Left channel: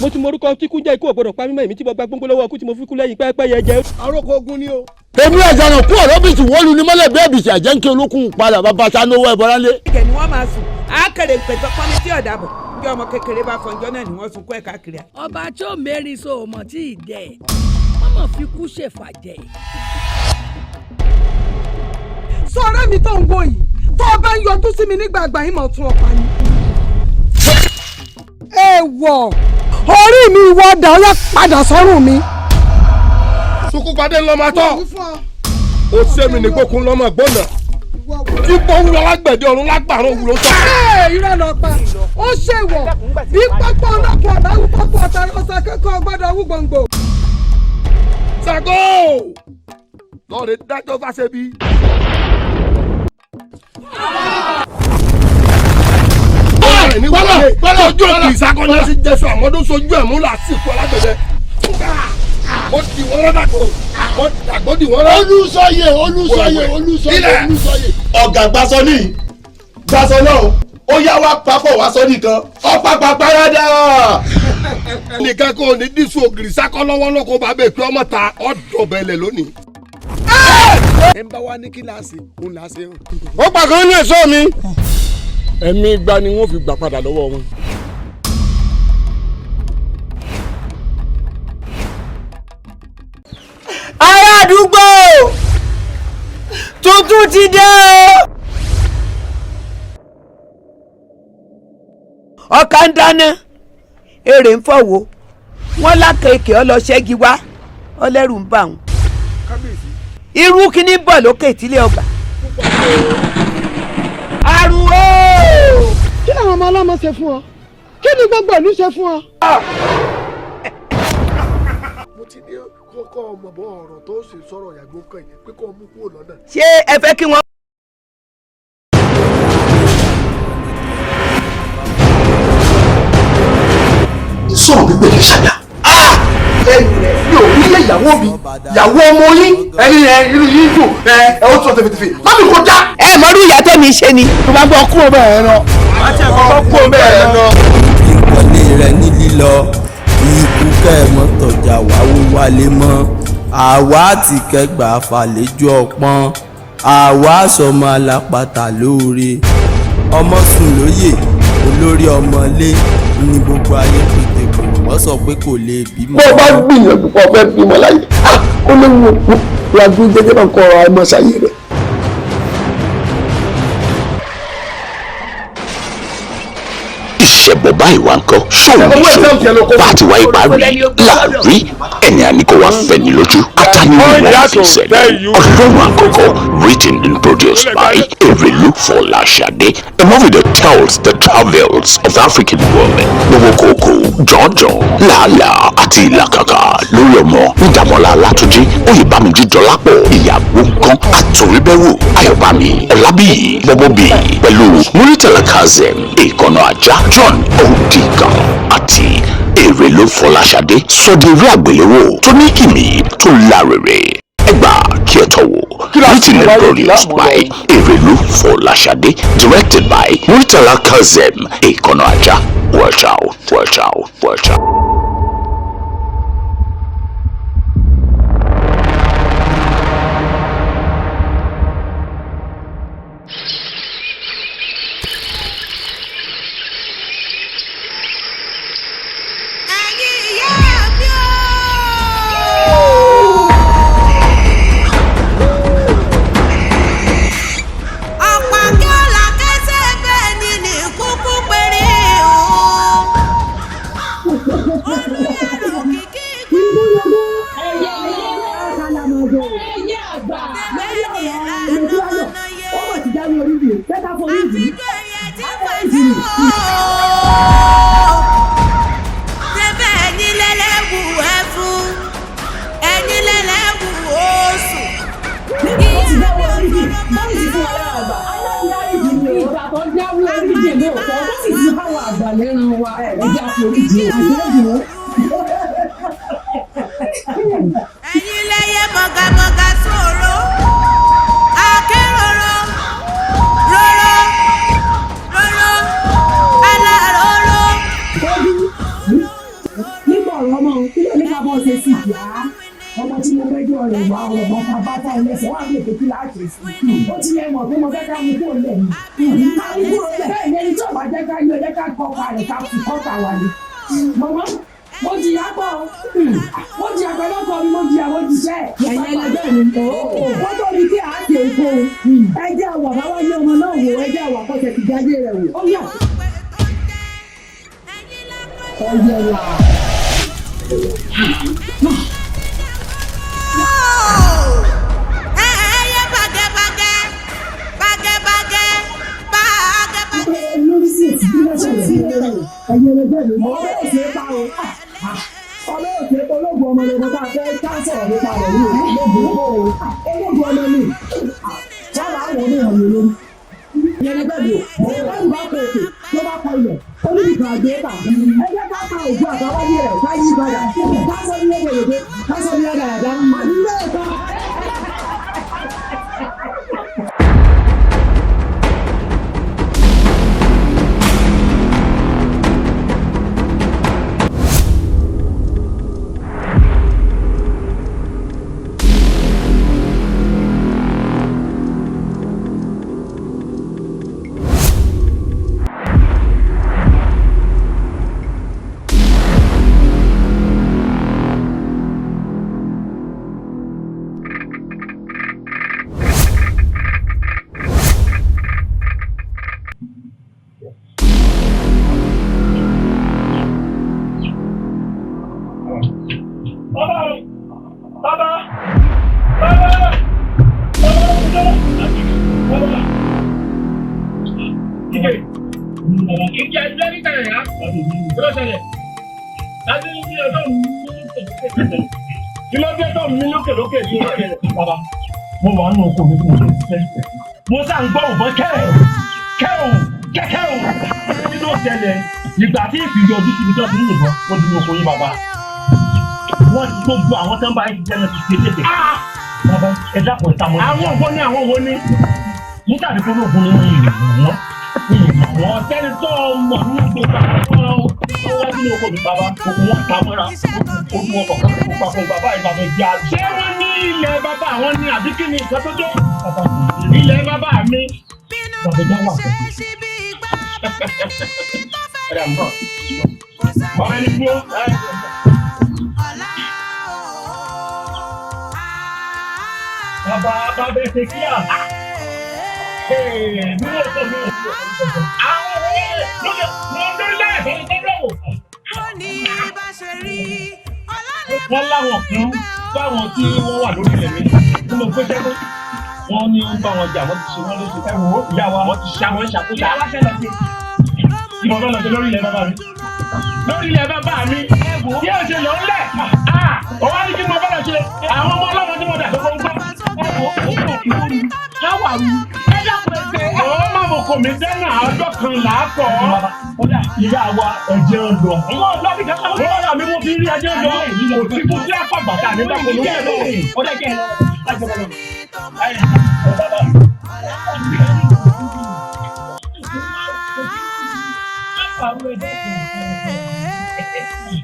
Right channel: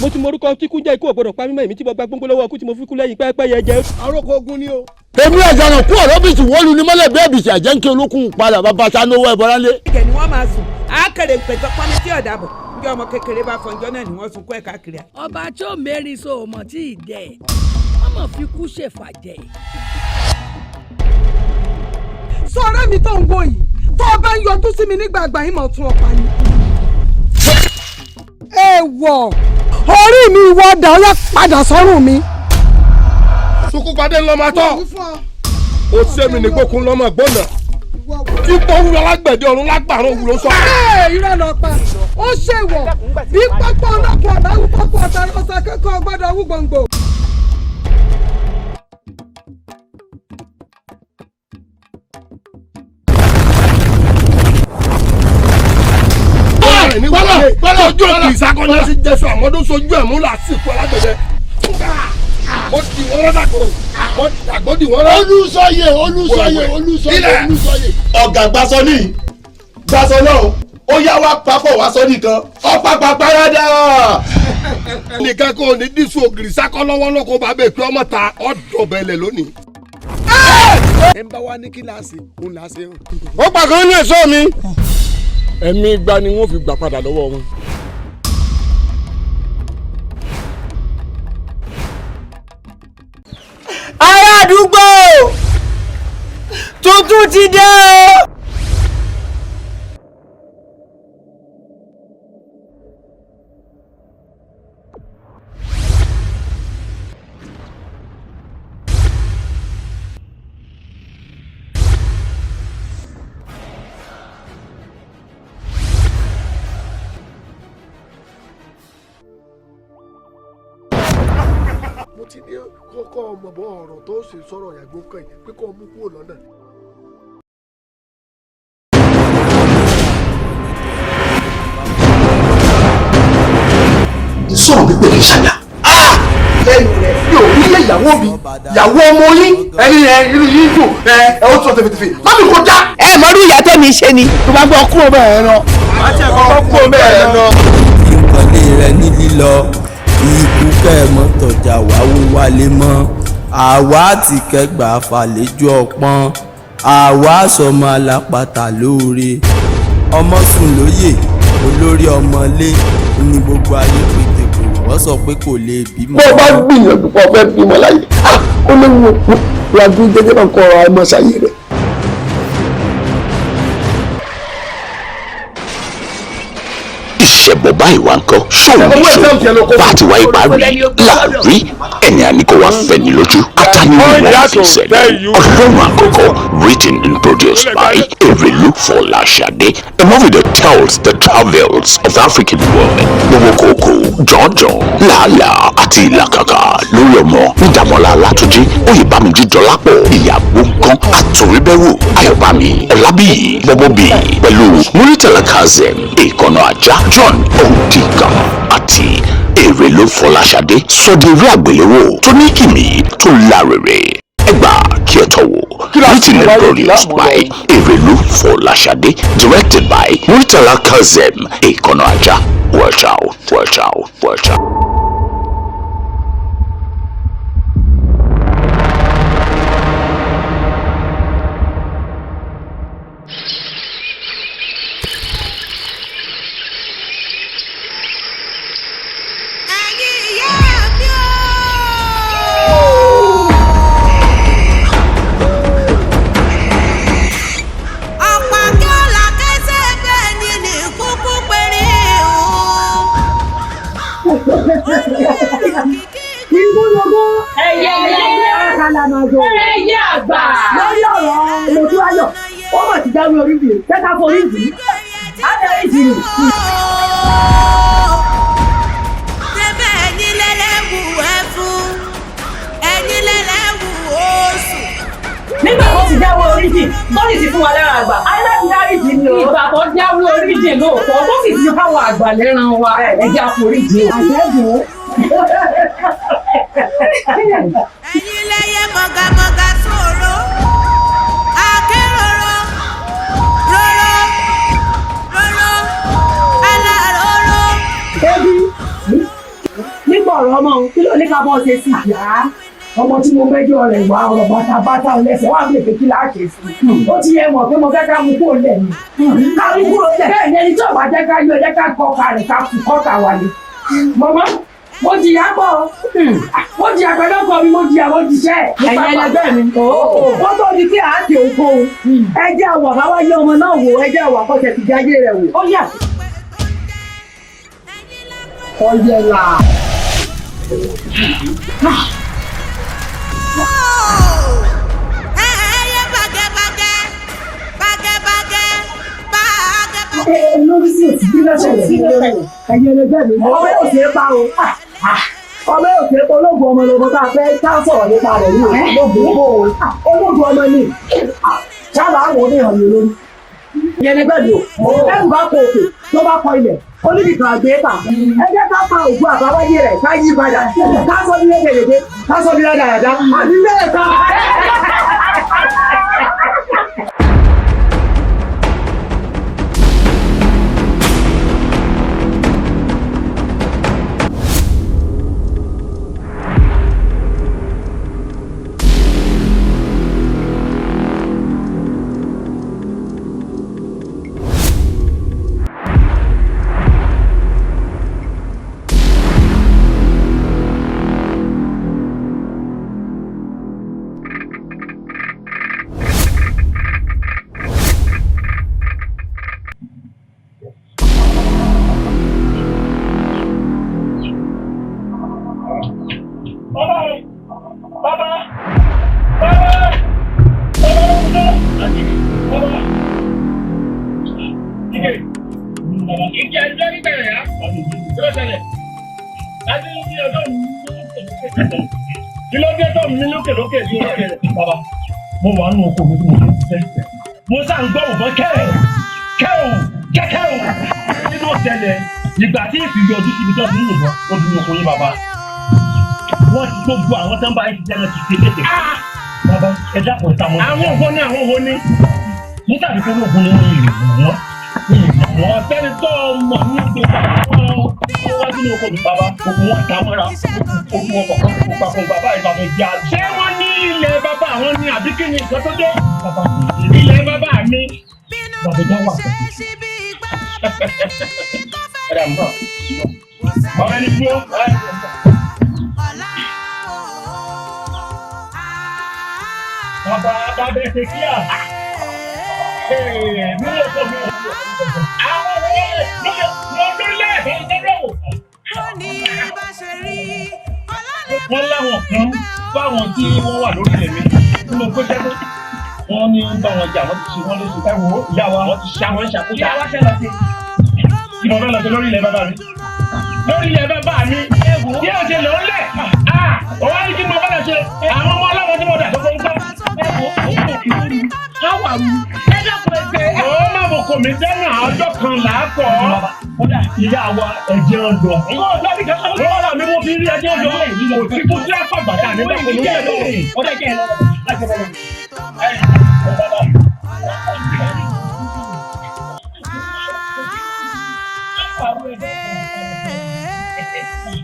mo ti morúkọ tí kú jẹ́ ikú ọ̀gbọ́dọ̀ pa mímọ́ èmi tí mo gba gbóngbó lọ́wọ́ ọkú tí mo fi kú lẹ́yìn pẹ́ẹ́pẹ́ yẹ jẹ́. àròkọ ogun ni o. èmi ẹ̀jẹ̀ náà kú ọ̀rọ̀ bìtì wọ́ọ̀lù ní mọ́lẹ̀ bẹ́ẹ̀ bìtì àjẹ́ ń kí olókùn padà bàbá sanwó ẹ̀ bọ́lá lé. ìkẹ́ ni wọ́n máa sùn àákèrè pẹ̀tọ́ pọ́nmi tí ọ̀dà bọ̀ bí ọmọ kékeré bá fọjọ́ náà ni wọ́n sunkún ẹ̀ káàkiri. ọba tí ó mẹ́rin so òmò tí ì dẹ̀ wọ́n mọ̀ fi kú ṣèfàjẹ́. sọ ọ̀rẹ́ mi tó ń wò yìí tó o bá ń yọjú sí mi nígbà àgbà yìí mọ̀ tún ọ̀pá ni. èèwọ̀ orí mi ìwọ ọ̀dà ọ̀yá padà sọ́rùn mi. sunkúnpadé ńlọ máa tọ́ ó sẹ́mi ní gbókun lọ́mọ gbọ́nà tí pọ́n wúlọ lágbẹ̀dẹ ọ̀run lágbàrún wúlọ sọ. irọ́ lọ pa ó ṣèwọ̀ bí pápá ọlọ́pàá ọ̀dáwù pápá ọ̀tàrọ̀sà kẹ́kọ̀ọ́ gbọ́dọ̀ wú gbòǹgbò. Ṣàngó lọ́ọ̀rẹ́ dájọ́ fáṣẹ́bí. Bọ́lá ojú òkè ìsakọ́ni sí Jésù àmọ́dún sojú ẹ̀ múlá sí ikú alágbẹ̀dẹ. Mo di wọ́n lọ́dà kò mo dàgbọ́ di wọ́n lọ́. olùsọyè ọ̀gá gbàsọ ní gbàsọ náà ó yá wá papọ̀ wá sọ nìkan ọ̀pápá parada. nìkan kò ní dísù ògiri sákọ́ lọ́wọ́ náà kó bá bẹ̀ pé ọmọ ta ọ̀dọ̀ bẹ̀lẹ̀ lónìí. ẹ ń bá wa ní kíláàsì òun là á ṣe hàn. ó pàgọ́ ní ẹ̀ṣọ́ mi ẹ̀mí igba ni wọ́n fi gbà padà lọ́wọ́ wọn. ará àdúgbò tuntun ti dé o. ọkà ń dáná èrè ń fọwọ́ wọn lákèéké ọlọṣẹ́gi wá ọlẹ́rù ń bà wọ́n irú kíní bọ̀ lókè ìtílé ọgbà. àrùn o. kí làwọn ọmọ ọlọ́mọ ṣe fún ọ kí ni gbogbo ìlú ṣe fún ọ. mo ti ní kọ́kọ́ ọmọ bọ́ ọ̀rọ̀ tó ṣe sọ̀rọ̀ ìyàgbó kan yìí pé kó mú kúrò lọ́nà. ṣé ẹ fẹ́ kí wọ́n. sọ̀rọ̀ pípé kì í ṣàyà. lẹ́yìn rẹ̀ mi ò rí ilé ìyàwó mi ìyàwó ọmọ yín ẹni irú yín dùn ẹ ó tún tẹfẹtẹfẹ má mi kó já. ẹ mọ̀rú ìyá tẹ́mi ṣe ni. tó bá gbọ́ kúrò bẹ́ẹ̀ náà. má tiẹ̀ kọ́kọ́ kúrò bẹ́ẹ̀ náà. ìkọ̀lé rẹ̀ ní lílọ ikú kẹ́ẹ̀mọ́ tọ̀jà wáwó wálé mọ́ àwa ti kẹgbà fàlejò ọpọ́n àwa sọmọ alápàtà lóore ọmọ sùn lóyè olórí ọmọlé ní gbogbo ayé pété kò wọ́n sọ pé kò lè bímọ. bó o bá gbìyànjú kó o fẹ́ bímọ láyé ó léwu ìyàgbé jẹjẹrẹ náà kọ ọ̀rọ̀ àìmọ̀ sáyé rẹ̀. ìṣẹ̀bọ̀ báyìí wá ń kọ́ ṣóun ìṣó bá ti wáyé parí láàrí ẹni àníkó wa fẹ́ ní lójú atánirò wọn fi sẹ́lẹ̀ ọlọ́run àkọ́kọ́ written and produced by Erelu Fọláṣadé a movie that tells the travels of African women gbogbo kòkó jọ̀ọ́jọ̀ làálàá àti ìlàkàkà lórí ọmọ nídàmọ́lá Látúnjí Oyèbámijí Dọlápọ̀ ìyàwó nǹkan àtòríbẹ̀wò Ayọ̀bámi Ọlábíyì bọ́bọ́bí pẹ̀lú Muritala Kazeem ìkànnà ajá John Odiga àti Erelu Fọláṣadé sọdí eré àgbéléwò tó ní ìmì tó lárèrè ẹgbà kí ẹ tọwọ́ written and produced by Erelu Fọláṣadé directed by Muritala Kazeem ìkànnà ajá watch out. ẹ̀yin lẹ́yẹ mọ̀gàmọ̀gà sọ̀rọ̀ akéròrò rọ̀rọ̀ bọ́ ṣe sì yá ọmọ tí mo mẹ́jọ rẹ̀ wá ọ̀rọ̀ bàtà ọlẹ́sẹ̀ wà lè fi kí láàṣẹ sí ó ti yẹ mọ̀ pé mo fẹ́ ká mú kó lẹ̀ ní ká mú kúrò lẹ̀ bẹ́ẹ̀ ni ẹni tí ọ̀bà jẹ́ ká yọ ẹ jẹ́ ká kọ́ ọ̀ka rẹ̀ ká fi kọ́ta wà ní. mọ̀mọ́ mo jìyà pọ̀ mo jìyà pẹ̀lú ọkọ mi mo jìyà mo jìṣẹ́. ẹ̀yin ẹlẹgbẹ́ mi ó tó di kí àáké òkú ẹ jẹ́ àwọ̀ bá wáyé ọmọ náà wò ẹ jẹ́ àwọ̀ àkọsẹ̀ ti jáde rẹ̀ wò ó yà. ọ̀yẹ̀là. lórí sí èsì bí lọ́sẹ̀ sí ẹ̀yin ẹlẹgbẹ́ mi ọmọ yóò ṣe é pa o ọmọ yóò ṣe é pa ológun ọmọ lọmọ tá a fẹ́ ká sọ̀rọ̀ nípa rẹ̀ ní ológun ọmọ ni sábà àwọn oníhàn mi lórí ẹ̀yin ẹlẹgbẹ́ mi o ẹ̀rù bá kọ òkè tó bá kọ ilẹ̀ oníbìkan àgbéyẹ̀ta ẹ jẹ́ ká pa ògùn àbáwáyé rẹ̀ ká yí padà ká sọ ní ẹgbẹ̀rẹ̀gbẹ̀ ká sọ ní ẹgbẹ̀rẹ̀dá àbí bẹ́ẹ̀ ká. lókè bàbá mo wà nínú oko mi tí mo ti ń ṣiṣẹ́ mo sá ń gbọ́ òbọ̀ kẹ́ẹ̀ù nínú ìṣẹ̀lẹ̀ ìgbà tí ìfìyà ojú síbi tó ti ń lò ó di ní oko yín bàbá wọ́n ti gbogbo àwọn tó ń bá yín ṣiṣẹ́ náà ti ṣe léde bàbá ẹ dákun ìta mọ́ àwọn wo ni nígbà tí kúrò ògùn ni wọ́n yìí wọ́n tẹ́lẹ̀ tó mọ̀ ní gbogbo àwọn wájú ní oko mi bàbá gbogbo wọn ta mọ́ra ojú wọn kọ̀ọ̀kan kó papọ̀ bàbá ìbàdàn jẹ́ àlù. ṣé wọ́n ní ilẹ̀ bàbá àwọn ní àbí kí ni ìjọ tó dé? ilẹ̀ bàbá mi. bàbá ìjà wà pẹ̀lú. ẹ̀rọ àmọ́ ọ̀rọ̀ ẹni dúró. bàbá bẹ́ẹ̀ ṣe kíá. mi ò sọ mi ò sọ. àwọn lórílẹ̀ èdè ìjọba wò. wọ́n láwọn kan fáwọn tí wọ́n wà lórí ilẹ̀ mi tí mo pé jẹ́kọ́ wọ́n ní ń bá wọn jà wọ́n ti ṣe wọ́n léṣe ẹ wò ó ìyá wa wọ́n ti ṣe àwọn ìṣàkóso ìyá wa fẹ́ lọ sí i mo fẹ́ lọ sí lórí ilẹ̀ bàbá mi lórí ilẹ̀ bàbá mi bí ẹ ṣe lọ ń lẹ̀ ọwọ́ ní kí mo fẹ́ lọ ṣe àwọn ọmọ ọlọ́mọ tí mo dà tó fọ́n gbọ́ ẹ wò ó kò kí wọ́n ní káwà mi ẹ dákun ẹgbẹ́ ó má bò kò mí sẹ́nà ọjọ́ kan làákọ̀ ìyá wa ẹ̀jẹ̀ ọ̀dọ̀ wọ́n rà mí mo fi rí ẹ̀jẹ̀ ọ̀dọ̀ kò sí kó sí àpá bàtà mi dákun ní ẹ̀dọ̀ ọ̀dọ̀ jẹ́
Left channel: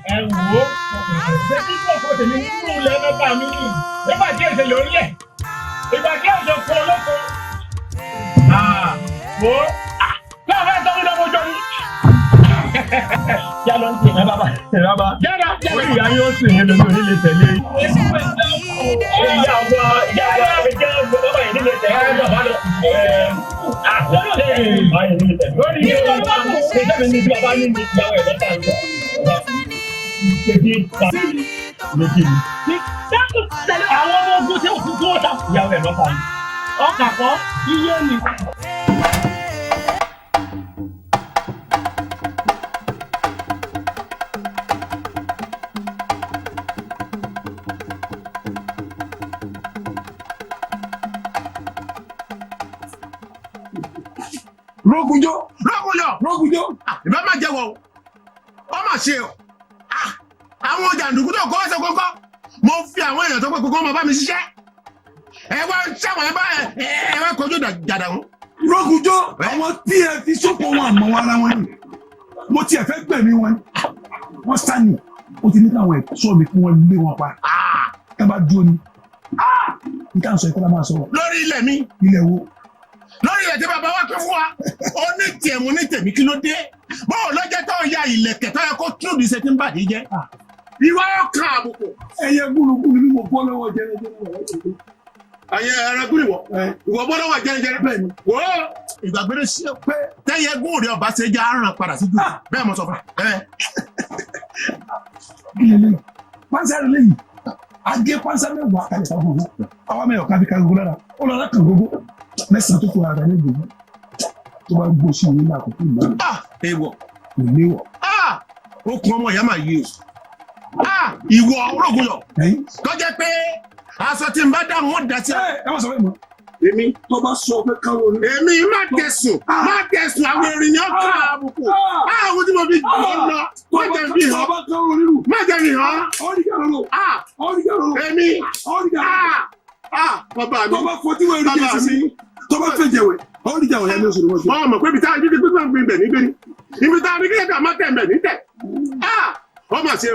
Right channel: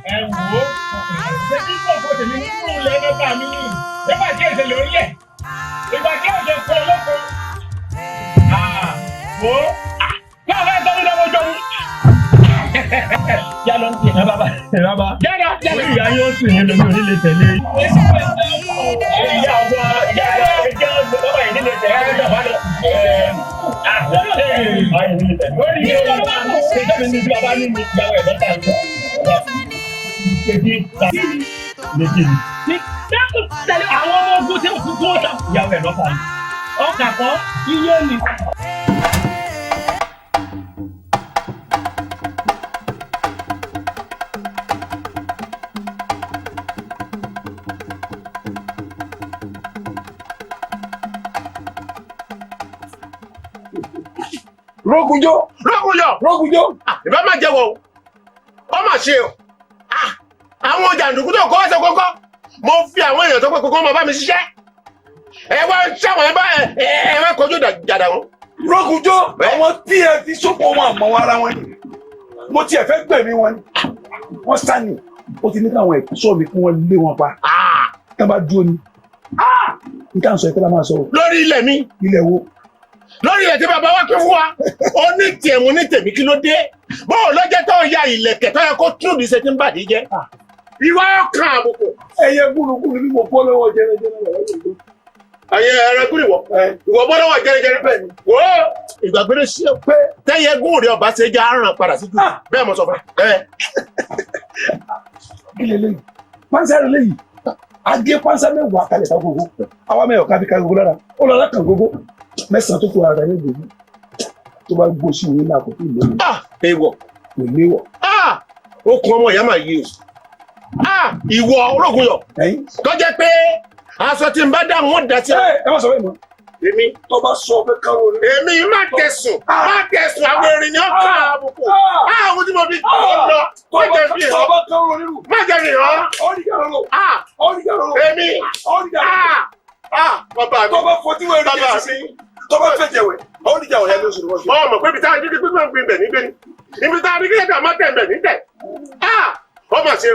ẹ wò ó ṣé kí kò fò tèmi nínú ilẹ̀ bàbá mi ní nígbà tí èsè lórí ẹ̀ ìgbà tí èsè kọ lóko wò ó bí a fẹ́ sọ́mi lọ́wọ́ jọ ni. yálọ ń tiẹ̀ bàbá jáda orí ìyá yóò sì ní lómi onílé tẹ̀lé. ìyá wa ẹ̀jẹ̀ ọ̀gbọ́n bàbá yìí nílé tẹ̀lé ẹ̀jọ̀ bá lọ. lórí ìyá wa ẹ̀jẹ̀ mi ní bí bàbá ní ìyàwó ẹ̀ lọ́ta ìgbà. méjì ni. tẹ̀lé àwọn ọmọ ogun tí òkú tó ta. ìyàwó ẹ̀ lọ́ta ni. ọkà kọ́ iye ni. Rógunjó. Ìbá máa jẹ́wọ́ o. Ó mà ṣe o. Àwọn jàǹdùkú tó kọ́ ẹsẹ̀ kọ́kọ́. Mo fi àwọn èèyàn tó pé kókó máa bá mi ṣiṣẹ́. Ẹ wá ṣàwọn ẹ wá kojú jàdà wọn. Rógunjó àwọn tí ẹ fi sóko wọn àmọ́ ara wọn ni. Mo tiẹ̀ fẹ́ gbẹ̀mí wọn ni. Wọ́n sá ni. ó ti ní káwọn ẹ̀ṣọ́ mi kí wọ́n lé wọn pa tá bá dúró ni níta ń sọ ẹ̀kọ́ la máa sọ. lórí ilẹ̀ mi. ilẹ̀ wo. lórí ilẹ̀ tí bàbá wa pín fún wa ó ní tiẹ̀ mo ní tèmi kí ló dé bóò lọ́jọ́ tó ya ìlẹ̀kẹ̀ tó yẹ kó tún bí ṣe ti ń bàdí jẹ́ ìwà ọkàn àbùkù. ẹyẹ gúlugúlu ni mo bọ́ lọ́wọ́ jẹrẹjẹrẹ rẹ̀ ayé ẹrẹgún ìwọ bọ́ lọ́wọ́ jẹrẹjẹrẹ bẹ́ẹ̀ ni wo ìgbàgbére sí pé tẹ́yẹ gún rẹ̀ ọba ṣe já ràn padà sí jù bẹ́ẹ̀ mo sọ fún ẹ. kí lè léyìí pánṣẹ́ rẹ̀ léyìí adé pánṣẹ́ mẹ́wàá kalẹ̀ ká gbogbo àwa mẹ́wàá kábí ká gbogbo lára ó lọ́la kan gbogbo mẹ́sàn-án tó kù ara rẹ̀ gbogbo tó bá gbó sí ìwé náà kò tó ìlú rẹ̀. èèwọ̀ ìléwọ̀. ó kun ọmọ ìyá máa yí o ìwọ ológun yọ tó jẹ́ pé aṣọ tí n bá dá wọn dá sí. ẹ má sọ bẹ́ẹ̀ mọ́. èmi tó bá sọ pé káwọn ní. èmi má tẹ̀sùn àwọn erin ni ó ká àbùkù àwọn tí mo fi lọ má jẹ́ fi hàn má jẹ́ fi hàn èmi bàbá mi tó bá fọtí wẹ̀ rí jẹ́ sí tó bá fẹ́ jẹ̀wẹ̀ àwọn oníjà wọ̀nyá ló sọ̀rọ̀ wọ́n. bọ́ọ̀ mọ̀ pé ibi tá a dídí pípẹ́ gbin bẹ̀ nígbẹ́ ni ibi tá a dídí pípẹ́ má tẹ̀ bẹ̀ ní tẹ̀ ọ mà ṣe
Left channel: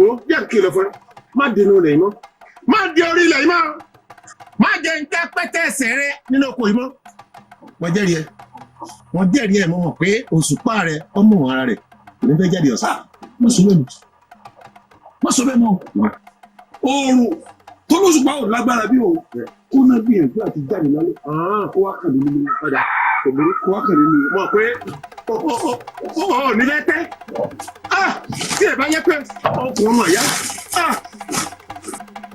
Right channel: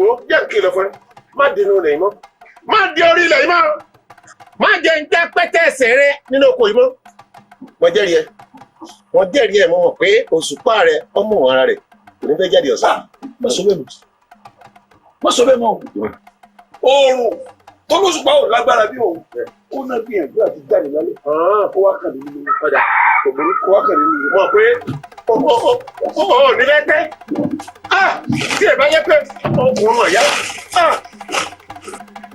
o jẹ́ kìlọ̀ fún ẹ má dínú rẹ̀ mọ́ má di orí ilẹ̀ yìí mọ́ má jẹ́ ń tẹ́ pẹ́tẹ́ ẹsẹ̀ rẹ nínú oko yìí mọ́ wọ́n jẹ́rìí ẹ mọ̀ mọ̀ pé òṣùpá rẹ ọmọ ara rẹ kò ní fẹ́ jáde ọ̀sán má sọ bẹ́ẹ̀ mọ́ oòrùn tó lóṣùpá ò lágbára bí òun kó náà gbìyànjú àti jáde lálẹ́ kó wá kàn nínú padà kò burú kó wá kàn nínú mọ̀ pé ó ní lẹ́tẹ́ tí ẹ bá yẹ pé òun náà yá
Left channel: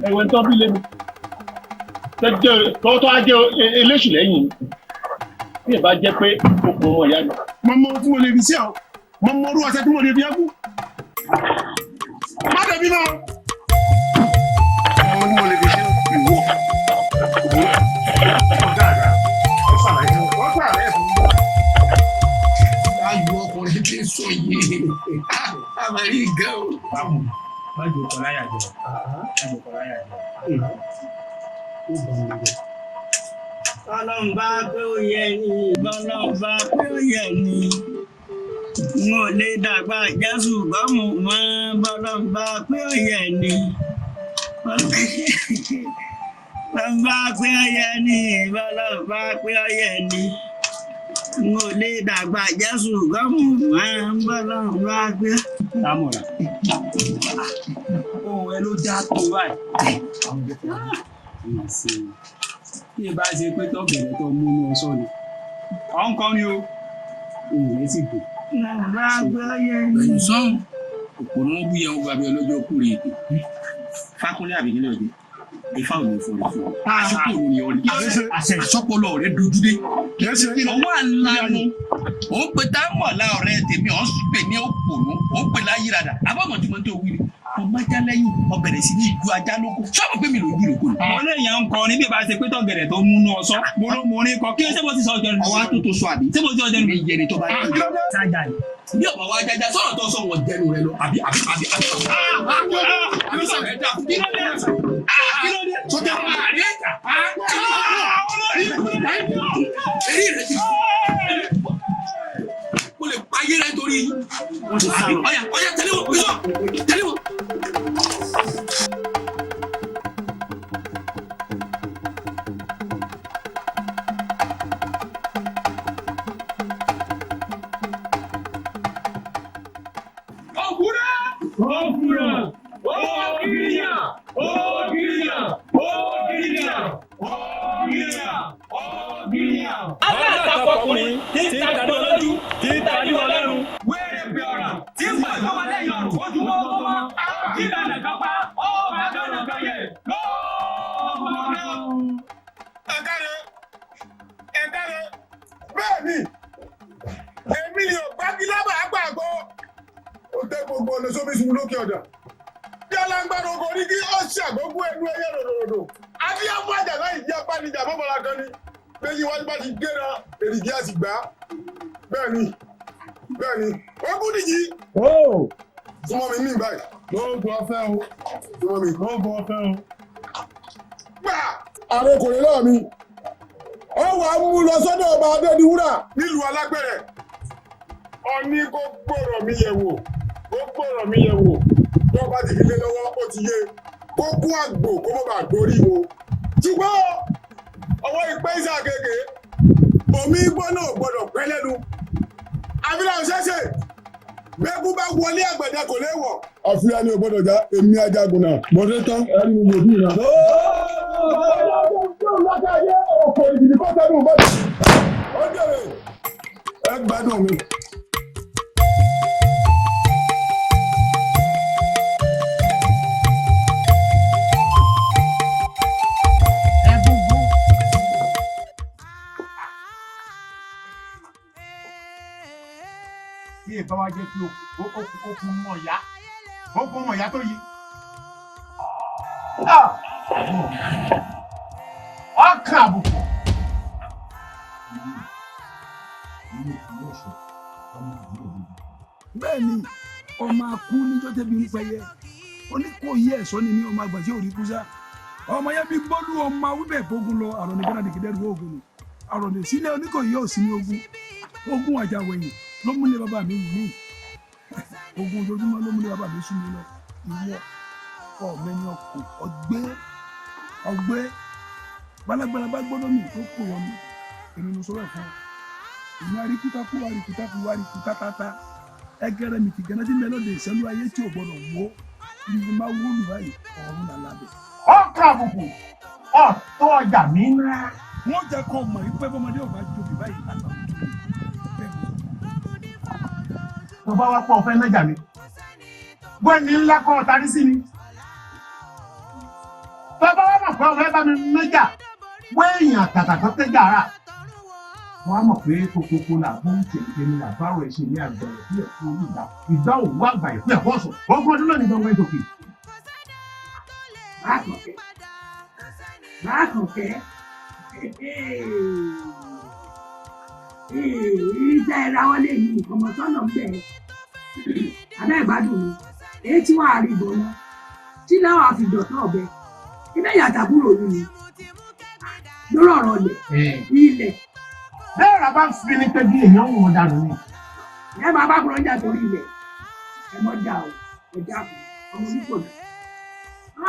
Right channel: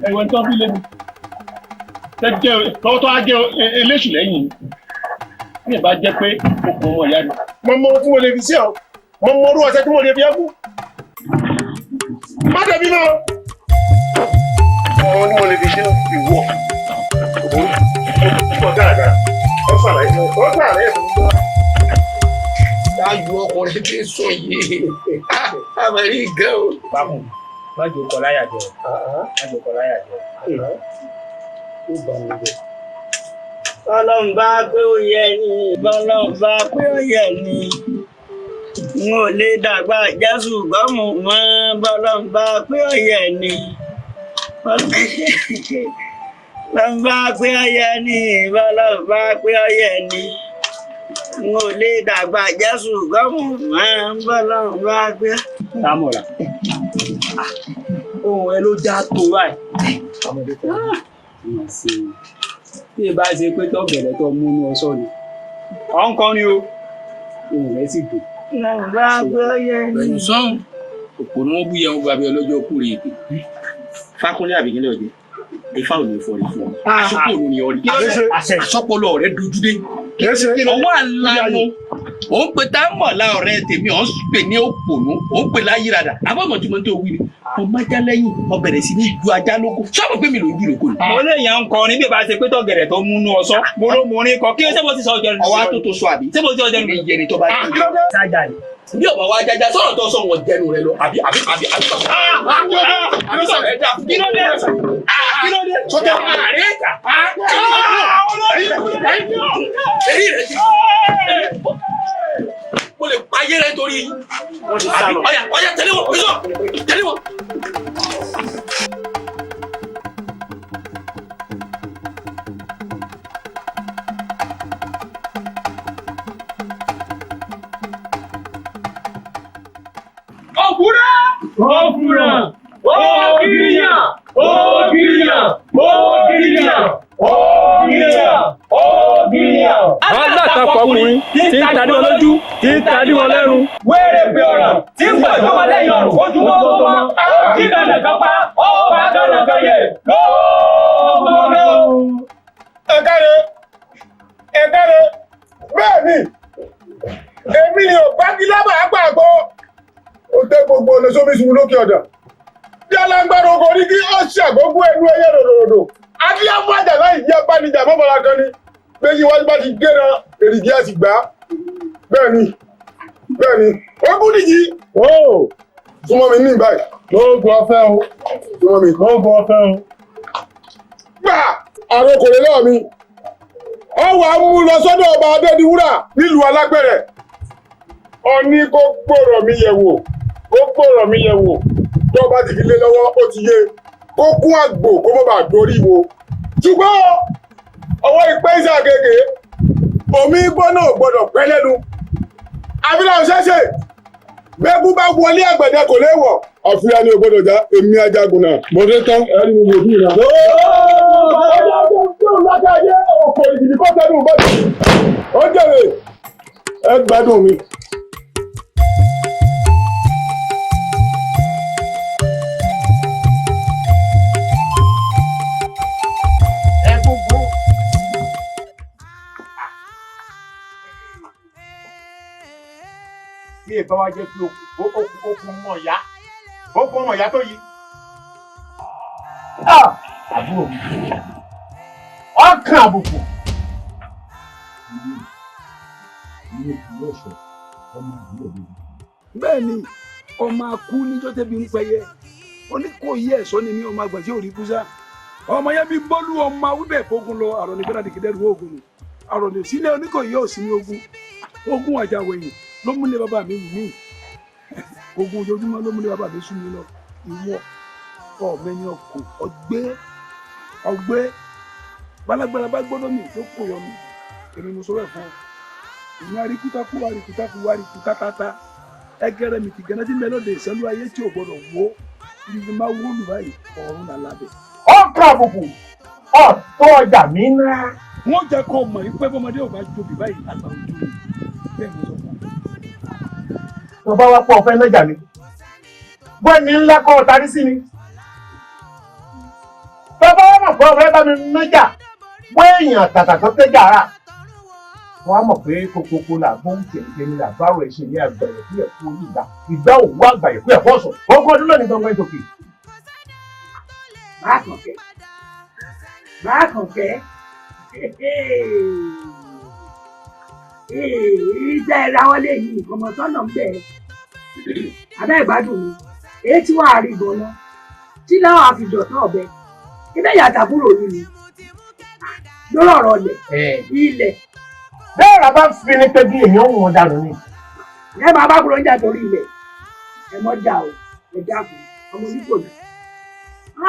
ẹ̀wọ̀n tó bí lẹ́nu tọ́wọ́ tó á jẹ́ eléṣù lẹ́yìn tí ẹ bá jẹ́ pé okùn ọmọ ìyá ni. mo mọ tí mo lè fi sí ọ mo mọ orú ọṣẹ tí mo lè fi ẹkú má dẹbi náà mo ní mo lè fi ṣe ìwọ ìwọ dáadáa ẹ sàlàyé fún ọ gbà rẹ fún mi. ayọ̀ ọkùnrin tí ń sọ yìí àmàlí gan o. báwo má jò kọ láyà jọ má jò kọ láyà jọ. Ọlọ́run bá pé ó yẹ ni Ọlọ́run bá pé ó yẹ ni n ò lè dàgbà Jésù gbọ́mù mọ́ Ọlọ́run bá pé ó yẹ ni Ọlọ́run bá pé ó yẹ ni Ọlọ́run bá pé ó yẹ ni n ò lè dàgbà Jésù gbọ́mù mọ́ Ọlọ́run bá pé. Támọ̀lá ohun ẹ ló já tó báyìí. Tí ẹ bá ṣe pé tó bẹ̀rẹ̀ tó mú ní ọṣọ ni ọ̀ ń kọ́ ni o ohun rẹ̀ sì dùn. pẹ̀lú sọ́hún òpònú wọn bú yẹn gbàgbé ọlọ́jọ́ kúrè ètò fákúnlé àbíkínlẹ̀ ọ̀dẹ́ ifá ò ní fọrí fún ọ àsopọ̀ òun ni ọrí àsọpọlọ rẹ dojú dé ọwọ́ àlànà òun pè tá mọ̀lá ọ̀rẹ́ tèmi ọ̀ ń pè ní òpònú òun pè láyìírada abọ́mọ̀túmọ̀ tó wí ni ọmọ ajá lẹ́yìn ọ bẹ̀rẹ̀ sí ní ju ajá lóko sọ́mọ̀ pé mi ló dúró kò ní. mo lè yàn ń kọ ní bí ìbá ṣe pé tọ̀gẹ̀rẹ̀ tó múnú ọsọ mo ló mú orin kọ kí ṣé mo ti sọ ọjọ́ nínú. ọwọ́ tó sọ àbí ṣé mo ti ọjọ́ nínú. ìyẹnì tó bá yẹ bí ọba wa jájá sọ̀rọ̀ tó sọ wọn jẹnu rẹ lọ àbí. kí ló dé kí ló dé. sọjá èyí rẹ ti mo lè pa ayé rẹ torí ọyà tẹ̀lé wọn tẹ̀lé wọn. Ògìrìyàn ògìrìyàn ògìrìyàn ògìrìyàn ògìrìyàn ògìrìyàn. alátakọ̀ ọkùnrin tí ń tadé wọn lójú tí ń tadé wọn lẹ́nu. wẹ́rẹ́ bí ọ̀rọ̀ tí ń gbàgbọ́ wọn lẹ́yìn ọ̀rùn ojú wọn tó mọ́ kí dandan kan pa ọba dandan kan yẹ lọ́wọ́. ẹ káre bẹ́ẹ̀ ni èmi ni ò bá kí lábàá gbàgbọ́ ó tẹ gbogbo ọ̀nà sómi sùn lókè ọ̀dà bí alágbára ogun ní kí ó ṣàgbógún ẹnu ẹyẹ ròdòdò adíyàfájà láì jẹ́ abánijà mọ́bàlá kan ní méjì wájú bá ti gbéra èrìgì àti gbà bẹ́ẹ̀ ni ogún nìyí súnmọ́ mi ní ìbáyìí lóògùn ọ̀fẹ́ o súnmọ́ mi lóògùn ọ̀fẹ́ o. gbà àrùn okòrè lọ́wọ́ mi ọ wà á mú lọ sọ́dọ̀ ọba Adédiwúrà nílùú Alágbẹ̀rẹ̀ ọ ní kó gbòòrò mi yẹ̀ wò tó bá ti fi lé lọ́wọ́ ó ti yé kó kún àgbò kó má bàa dorí wo ṣùgbọ́n ọwọ́ ìpẹ́ ìṣàgègè omi gbọ́nà gbọ́dọ̀ pẹ́ lẹ́nu àfihàn ṣẹ́ṣẹ́ gbẹ́gbú bá wọlé àgbẹ̀dẹ kò léwọ̀ àfihàn ni ògbọ́dọ̀ já èmi ajagun náà mo dé tán ẹni mo wò bí ìlà. ó jèrè ẹ gbádùn mi. bí ìbá wa jẹ́ pé okùn mọ̀ ya okùn mọ̀ ya tó yí. àbúrò mi ọkàn àbùkù. bẹ́ẹ̀ ni ọmọ akú níjọ́ tẹ́bi ń pẹyẹ oníkòyí ẹ̀sọ́ ni mí ọmọ àgbà tí ò rí kúsá ọmọ yẹn bí bọ́lú ọmọ awúbẹ̀ fógun lọ àrọ̀ nígbàdàn dìgídẹ́rù ogun nù àrọ̀ lè sílẹ̀ oníkòyí yóò sí ní ogun àjàwẹ̀yìn ló múlẹ̀ bàbá mi wù mí ogun ojoojúmọ́ ló múlẹ̀ bàbá mi sún mi lọ ìwọ ọ̀mẹ́ni ọkọ̀ ọgbẹ́ balagbara bá gbọ́dọ̀ mi tó kò wọ́n mi èmi mo sọ̀rọ̀ fún ọ ìní àríkútakú àríkútátá ẹgẹrẹ mi ti gẹ́nà tí mẹ́lọ́dẹ ìṣẹ́lú ayé tí ò gbọ́dọ̀ wó ibi máa wó lù báyìí ọ̀run là lábẹ́. ọkàn àbùkù ọ̀tọ̀ ọjà mi ná. wọ́n jẹ́ kó mọ̀ pé bọ́mọdé ò bá jobi báyìí látàrí ojú mi bẹ́ẹ̀ ni sọ fún mi. tó bá wá pọ̀ ọ̀fẹ́ lọ́jà mi bọ́ọ̀ni ńlá kọ́ ọ̀tarí sí mi. tó bá wá mọ̀ pé ọ̀fẹ́ bá mi lọ́jà wọ́n èèyàn tàtàkọ́ tẹ́jà rà. wọ́n á mọ̀ pé kókókó là bóun tẹ̀lé ní àbáwọ̀ ẹ̀ṣẹ̀ ní àgbẹ̀rẹ̀ fún ẹ̀kọ́ olùgbà ìgbà òwú àgbàyẹ̀ fún ẹ̀kọ́ ọ̀sán ogún ọdún lónìí gbọ̀ngàn ìtòkè. Bákànkẹ́ ìjà ìrawọ́lé yìí ìfọmọsọ́nà ń bẹ̀ abẹ́ ìgbádùn mi èyí tí wàá rí gan-an tí láwọn àfìjọ̀tán ọ̀bẹ ibẹ̀ yàtàbúrò yìí ni lórí ọ̀rọ̀ ilẹ̀. bẹ́ẹ̀ rà bá ń fi ní pé bí èèyàn wọn dànù ni. ẹ máa bá kúrò ń jà torí ilẹ̀ ẹ mọ́ dà o ẹ dákun ọmọ oníkò yìí.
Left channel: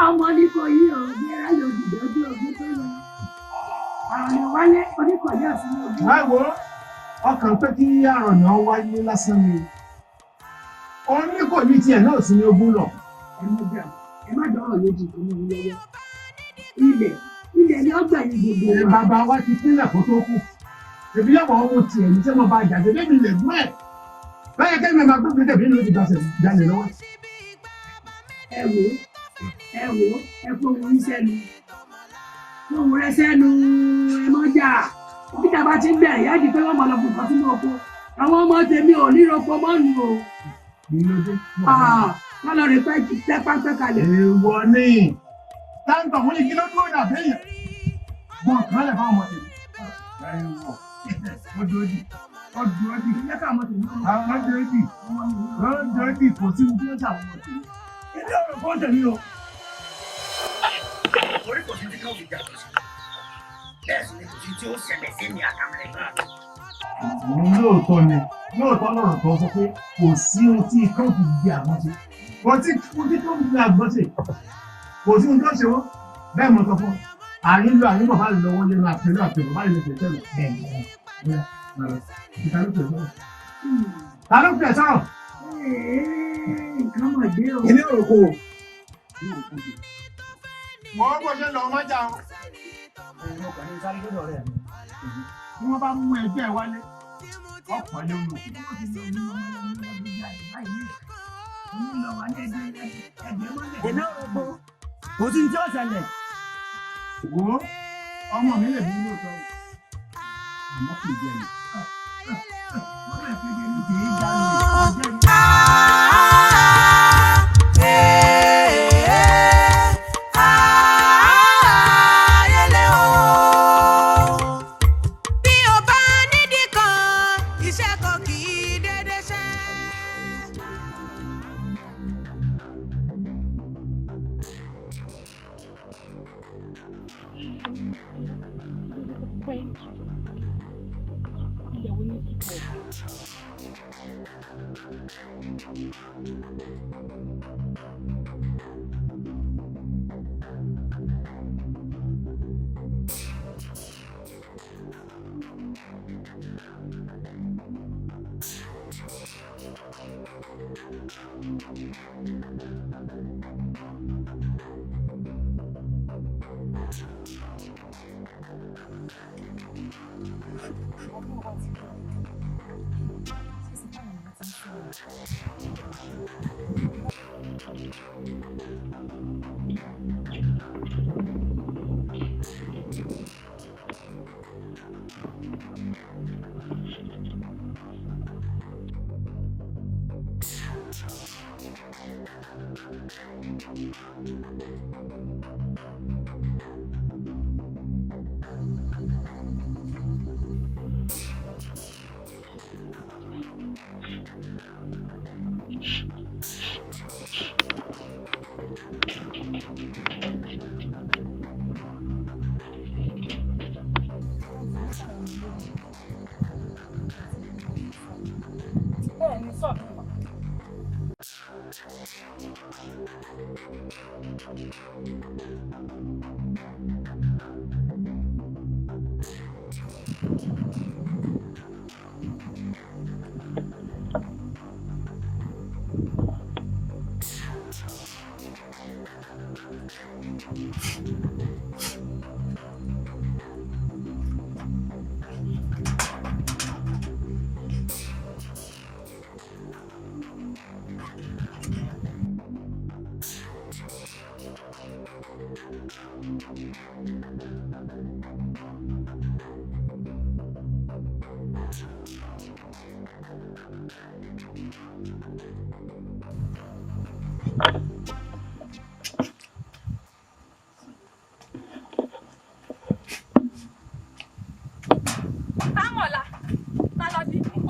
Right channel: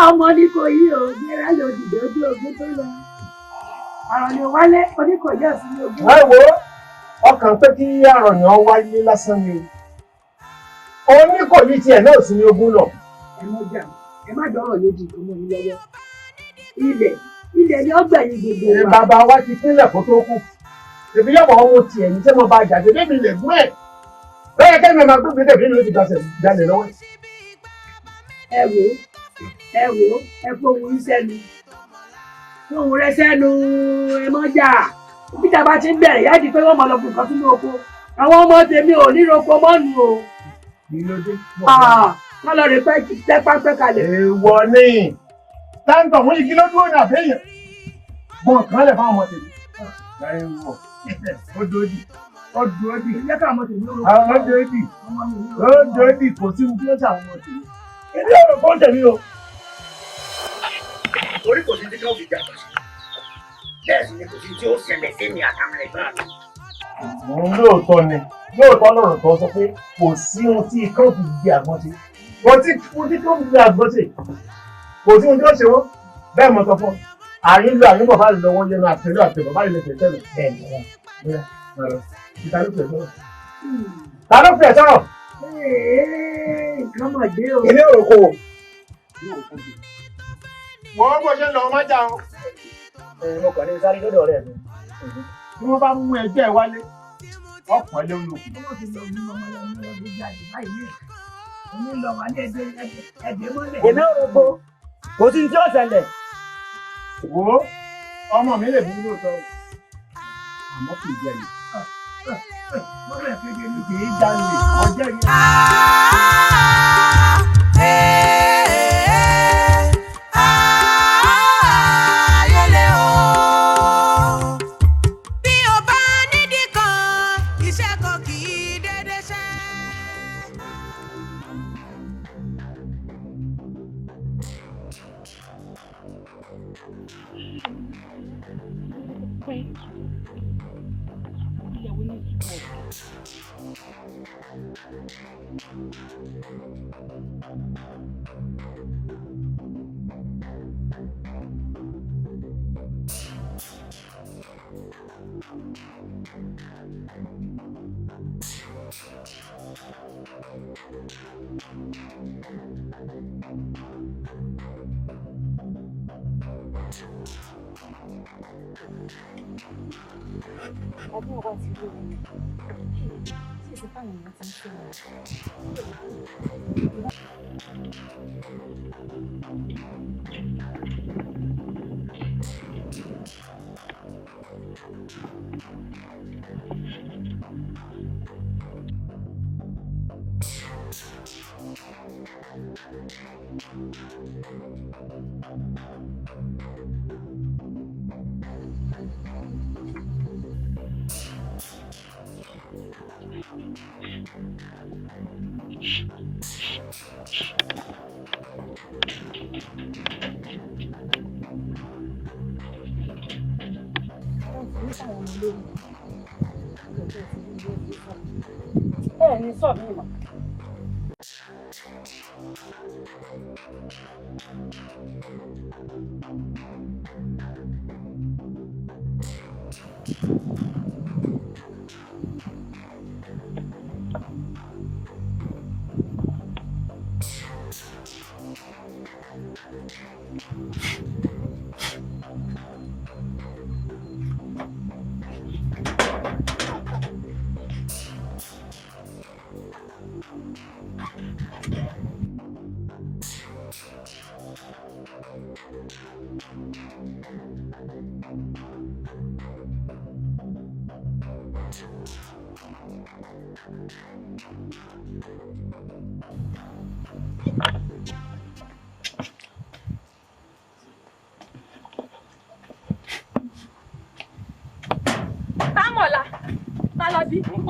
ọmọ oníkò yìí o bí ẹ lọ dìde ojú ogun tó lọ. àròyìn wálé oníkò yóò sí ní ogun. ẹ wo ọkàn pé kí àròyìn wáyé lásán ni oníkò yìí tiẹ̀ náà sí ní ogun lọ. ẹ mọ́ dà ẹ má dọ̀rọ̀ lójú ìkùnú mi lọ́wọ́. ilẹ̀ ni ọgbà yìí gbogbo wa. bàbá wa ti pínlẹ̀ kó tó kù èmi yọ̀ wọ́n wo tiẹ̀ ní tí mo bá jáde débi lè gún ẹ̀ bẹ́ẹ̀ kẹ́mi máa gbé gbèdé bí mi ti gbàsẹ̀ jalè lọ́wọ́. ẹ wò ẹ fohùn yín sẹ́nu fohùn rẹ sẹ́nu ẹ mọ́ jà bí tá a bá ti ń bẹ̀rẹ̀ yáàdì pé wọ́n mọ̀ lọ fún nǹkan sínú oko àwọn ọmọ tèmi ò ní roko mọ́nu o. wọ́n lọ rè pẹ́ pápẹ́ kalẹ̀. èèwọ̀ ni táǹtọ̀ wọ́n yìí kí ló dúró ní àbẹ́yẹ bọ́n kan lẹ̀ fáwọn ọmọ tèmi. Odòdì ìyá ká ọmọ tèmi ó odòdì kò sí ohun tí ó ṣàwọn ọmọ tèmi. ilé ọ̀rọ̀ kan tèmi o. orí kò sí tí kò fi jà kò sí bẹ́ẹ̀ sì ni kò sí tí ó ṣẹlẹ̀ sí mi àtàwọn ẹ̀gbọ́n mi. lóòótọ́ lọ́rọ̀ tó sọ pé kò sí ohun tí ikán fi gbé àgbọn ṣe kò sí ohun tí ikán fi gbé àgbọn ṣe kò sí ohun tí ó ṣe wọ́n bẹ́ẹ̀ mọ̀ sọ fún ọ. àyínlò àyínbọ̀ bá lọ́wọ́ yẹnu àtẹ̀lé bá ilé tẹ̀tẹ̀ lọ bẹ́ẹ̀ ni ìta ló fẹ̀ sọ̀rọ̀. ta ló fẹ̀ sọ̀rọ̀. nǹkan mọ̀ dé o. ilé òkò. wọ́n bó ṣe lọ ọmọ jà o. ọkọ̀ ní sáré lọ́dọ̀ rẹ̀ mi. bí wọ́n bá mú ẹgbẹ́ wálé ọ̀pọ̀ ilé ń lò. èmi ò rò pé kò sí tí ó ṣẹlẹ̀. wo ọmọ mi lè bí lóòótọ́ àmọ́ kì í jẹ yìí. lọ́rọ̀ ìpínlẹ̀ ní kì í jalè ọjọ́ yìí. bí o bá nídìí kan iṣẹ́ kan kì í dédé ṣe.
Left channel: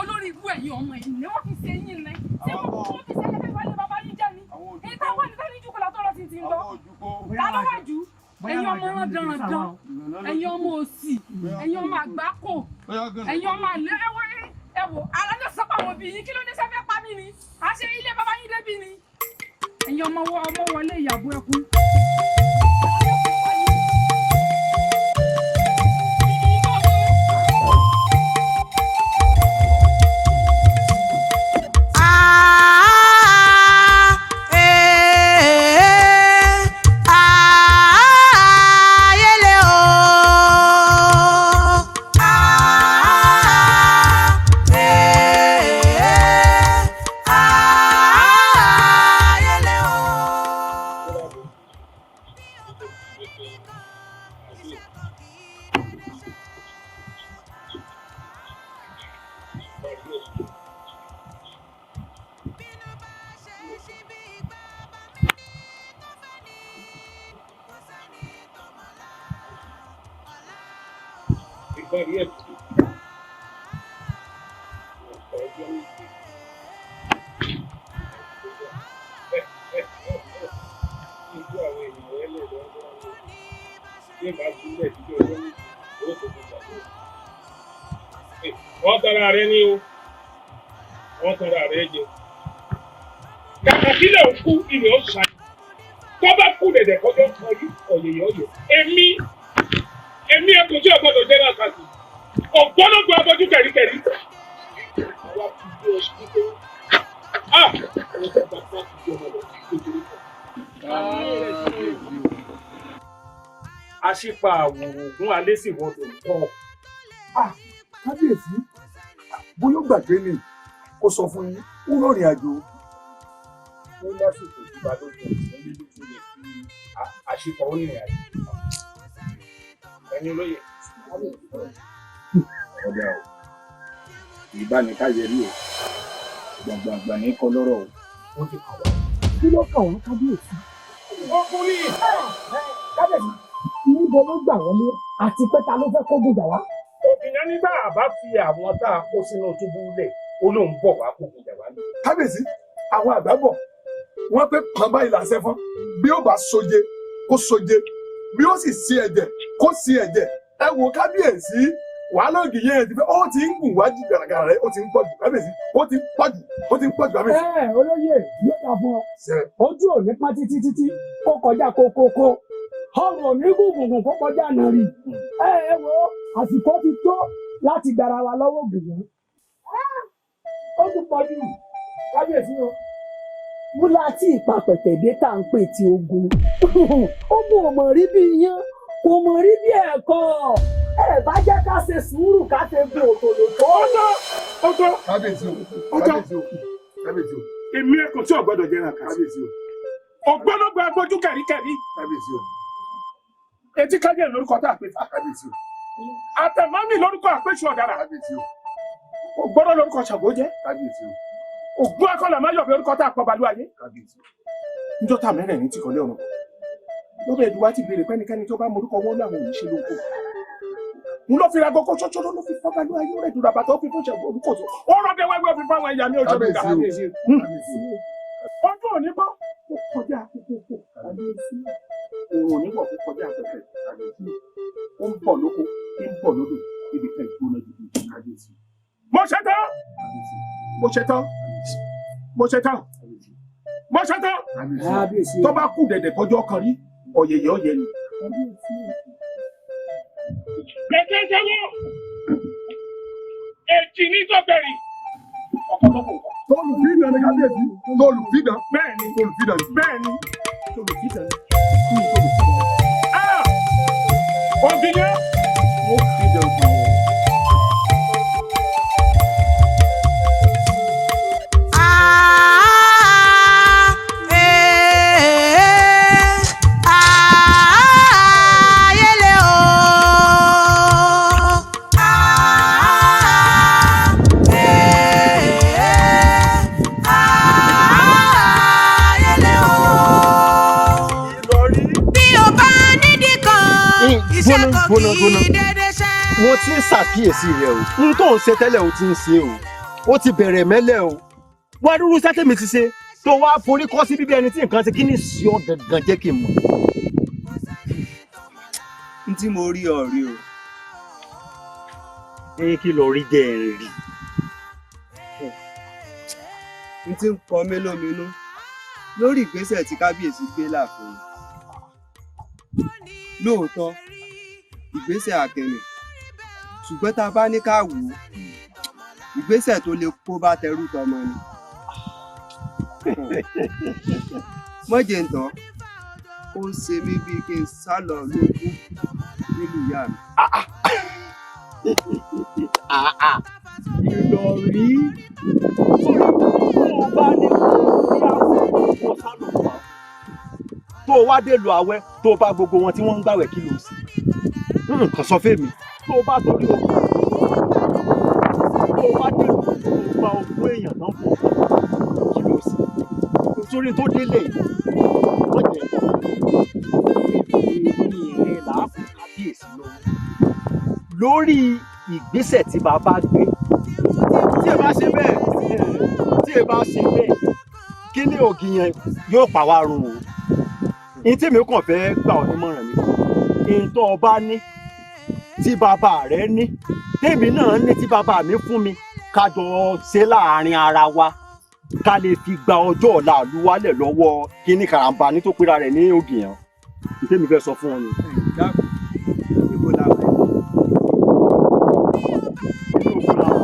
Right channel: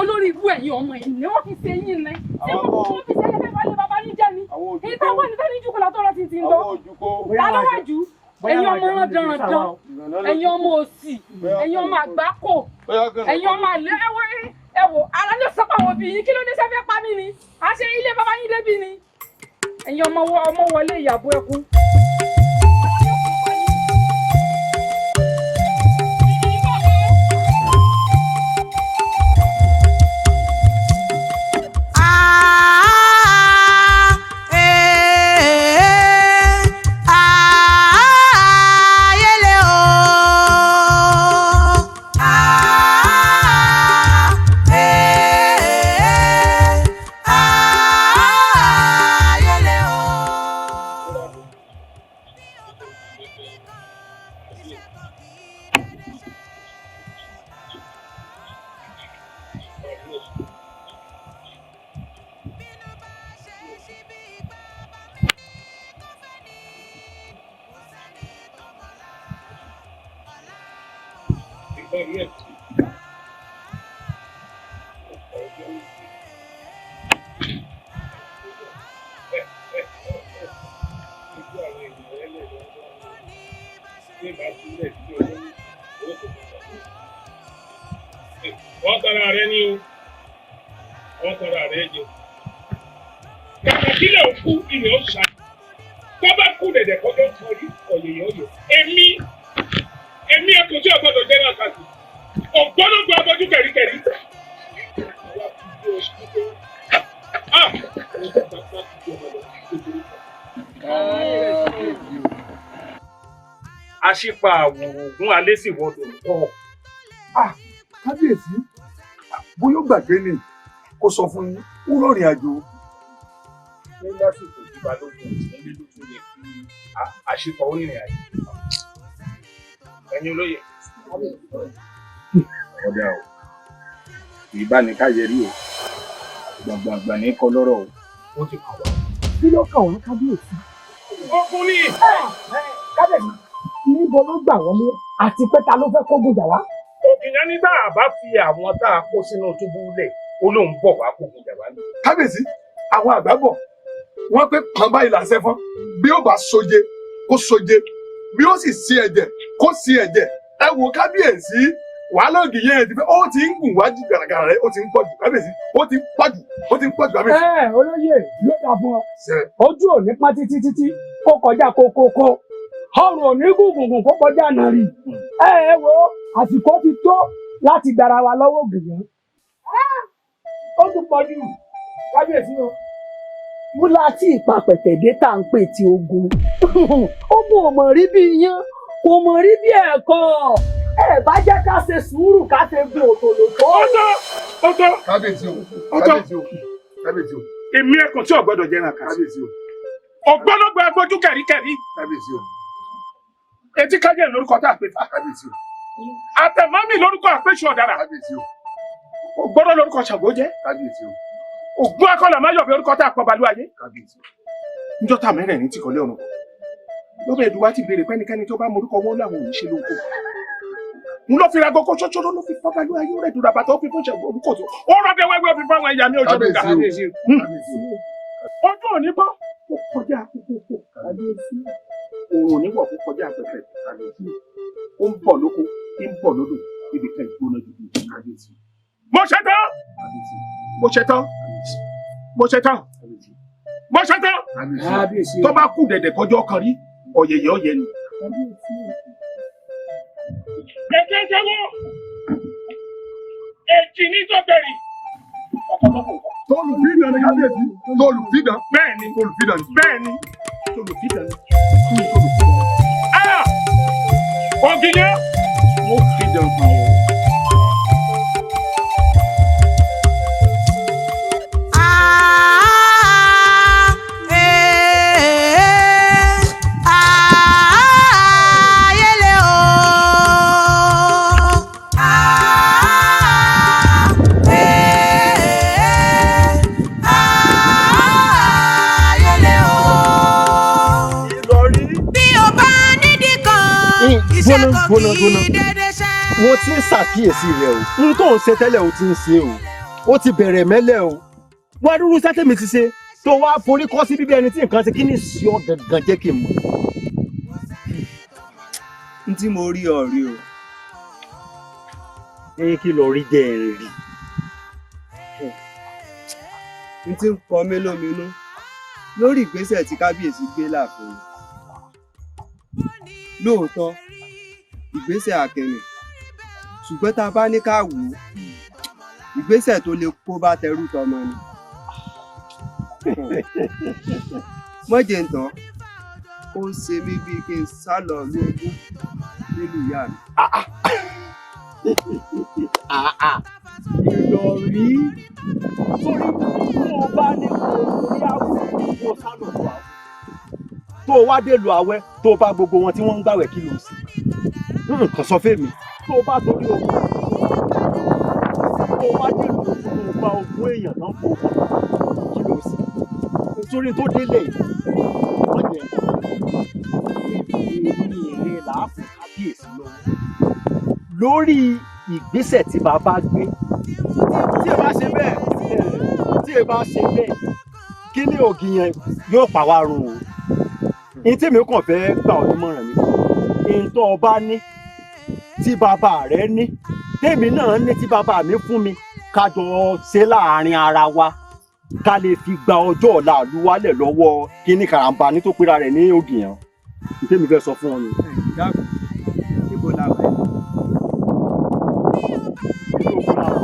olórí ibú ẹ̀yin ọmọ yìí ni wọ́n fi ṣe yín ní tí wọ́n fi ṣe lẹ́fẹ̀ẹ́ wálé bàbá yín jẹ́ ni ìta wọ́n ní tẹ́lẹ̀ jùkọ́ látọ́ rẹ̀ ti ń lọ ta ló wà jù ẹ̀yin ọmọ dandan ẹ̀yin ọmọ òsì ẹ̀yin ọmọ àgbákò ẹ̀yin ọmọ àlẹ́ ẹ̀wọ̀ ara ló sọ pé àwọn òbí yín kí ló ní sẹ́fẹ́ pa mí ni à ṣe ilé bàbá yín débi ni ẹ̀yin ọmọ wọlé ìyàbọ̀ ẹkún. Wọ́n tara rẹ ní o, wọ́n tara rẹ jẹ. Kàkà sílẹ̀ òkú ilẹ̀ ó ṣá. Tó bá kú dẹ̀dẹ̀ kọjọ́ kọrí ọ̀yẹ̀yẹ̀ ọ̀yẹ̀. Èmi ẹkùn tí ọgbọ́dọ̀ jẹ́ náà kàtì. Ògbólógbò abọ́jú kẹ̀ríkẹ̀rí. Àwa ti gbé oṣù pípé. Ẹ̀rọ tó bàbá ti di ọmọ lọ sí kékeré kan. Aṣípa àwòrán ògún alẹ́ sì wọ́dọ̀ tọ́. Kábíyèsí bóyá gbàgbé ni kó sọ fún yín ó rọrìn àjò. Ní lásìkò tí balógun ìdílé ló tún lè fi àṣìpọ̀ onírìn àjò. Ẹ̀yin olóyè. Ọ̀dà o, ìbánikáyẹ rí o, gbàgbàgbà ní kọ́ lọ́rọ̀ o. Ó ti kàn wá. Kí ló kàn wọ́n kábíyèsí? Ọkùn ni. Kábíyèsí, níbo ló gbà wọlé àti pé ta ló fẹ́ kó gbèjà wá? Òkìyàn ní tá a bá fi àwọn tá a kó sínú túbú lẹ̀, ó lóun bọ̀ wá kó gbèjà wá ní. Kábíyèsí, àwọn àgbà bọ̀ wọ́n pé kàn báyìí làṣẹ fún bí ó bá soje kó soje bí ó sì sí ẹ̀jẹ̀ kó sí ẹ̀jẹ̀ ẹ wo kábíyèsí wàhálà ògì yẹn ti fẹ́ ó ti ń gùn wájú gàràgàrà rẹ̀ ó ti ń pọ̀jù kábíyèsí ó ti ń pọ̀jù kábíyèsí. olóyè ló dà fún ọ ojú ò ní pọ́n títí kó kọjá kókókó ọrùn ò ní gùngùn kó kọjá nàrí ẹ wo àsìkò ti tó láti gbára wa lọ́wọ́ ògùn ó ti pọ̀jù kábíyèsí o. múlá tí ìpapẹ̀tẹ̀dé tá à ń pè tí ogun ogun ò mọ̀ rí bí iyán kò mọ̀ rí bí ẹ̀kọ́ ẹ bá jẹ́ ká ṣe sùúrù ká ṣe gun òtòlótó. ọ̀tọ̀ kábíyèsí o. èmi ẹkùn tí ọgbọ́dọ̀ jẹrán kan. kábíyèsí o. ọgbọnọgbọ agbójú kẹríkẹrí. kábíyèsí o. etí kájẹ lórúkọ tá a pè fà. kábíyèsí o. àtẹmọmì lórúkọ àpèsè ọ̀daràn. kábíyèsí o. ògbọ́dọ̀ lórúkọ ṣàgbó jẹ́. kábíyèsí o. ògún akọ́là máa yọ̀bẹ orúkọ tá a pọ̀ balú ayé. kábíyèsí o. níjọ́ tá a mẹ́rẹ̀ ní tìkọ́lé ọ̀run lọ́bẹ̀ ẹ̀dùn wá ti béèrè pẹ́nikẹ́ni tó bá morúkọ wọn láwọn ò ní ṣe lóko n ló fi ra gọkọ ṣọṣọ ló fi fọ́ balú ayé rẹ̀ dùrà bàtà ó fi fún ṣẹ̀gbọ́n orúkọ tó ó rọ́bẹ̀ wẹ́wẹ́ ó fi fáwọn ẹ̀yà mi ọjọ́ lóga. ọdún òní bọ́ ó kọjá àkókò òun òní bọ̀ ó kọjá àpẹẹrẹ ó ń bọ̀ lóko ń bọ̀ lódò ibi kan ìgbóná dúdú kábíyèsí. mo ṣe tán mo ṣe tán mo ṣe tán mo ṣe tán tó bá kú dẹ̀dẹ̀ kọjọ́ kan rí ọ̀yẹ̀yẹ̀ ọ̀yẹ̀ ni. Gẹ́gẹ́ sẹ́wọ́, èjì ní sọ́bẹ̀rì. Tolùfídàn ni kábíyèsí. Tolùfídàn. Bẹ́ẹ̀ni. Tolùfídàn. Bẹ́ẹ̀ni. Tolùfídàn. Ògìyẹ. Mo fídàn fún ọ. gbóná wọ́n ti ń ṣàkíyèsí rẹ o n tó ń ṣe tẹ́lẹ̀ o ti ń ṣe o ó ti bẹ̀rẹ̀ mẹ́lẹ̀ o wá dúró sátẹ̀mí ti ṣe tó wá forí kọ́ sí bíbí ẹni tí nǹkan ṣe kí ni sí ọ gangan jẹ́ kí n mọ̀. n tí mo rí ọ rí o. kí ló rí jẹ́ ẹ̀ rí. n tí ń kọ mí lóminú lórí ìgbésẹ̀ tí kábíyèsí gbé láàfin lóòótọ́ ìgbésẹ̀ àkẹ́rẹ́ ṣùgbọ́n tá a bá ní ká wò ó ìgbésẹ̀ tó lè kó bá tẹrú tọmọ ni. mọ́jẹ̀ ń tán ó ń ṣe mí bíi kí n sá lọ lógún nílùú ìyá mi. ìrọ̀rí sórí tó o bá ní orí àwọn kó sálò tó àwọn tó o wá dé lu àwẹ̀ tó o bá gbogbo wọn tí wọ́n ń gbàwẹ̀ kí ló ń sìn nǹkan sọ fèmí tó o bá torí ogun tó o bá dé lu ogun tó o bá ogún èèyàn náà fún ogun kí ló sìn sórí tó délé wọ́n jẹ́ èmi rẹ̀ làákùn kábíyèsí lọ́wọ́ lórí ìgbésẹ̀ tí bàbá gbé tí ẹ bá ṣe bẹ́ẹ̀ kí ni ògì yẹn yóò pa wá run o ní tèmi kàn fẹ́ gbà ọ́ nímọ̀ràn mi ntọ́ ọba ní tí bàbá rẹ̀ ní tèmi náà ní tí bàbá mi fún mi ká jọ ṣe láàrin ara wa ká lè fi gba ọjọ́ ọ̀la àlùwálẹ̀ lọ́wọ́ kíní karambà ní tó pera rẹ̀ ní ògì yẹn ní tèmi fẹ́ sọ fún ọ ni. níbo la wẹ̀. nínú ogun la wà.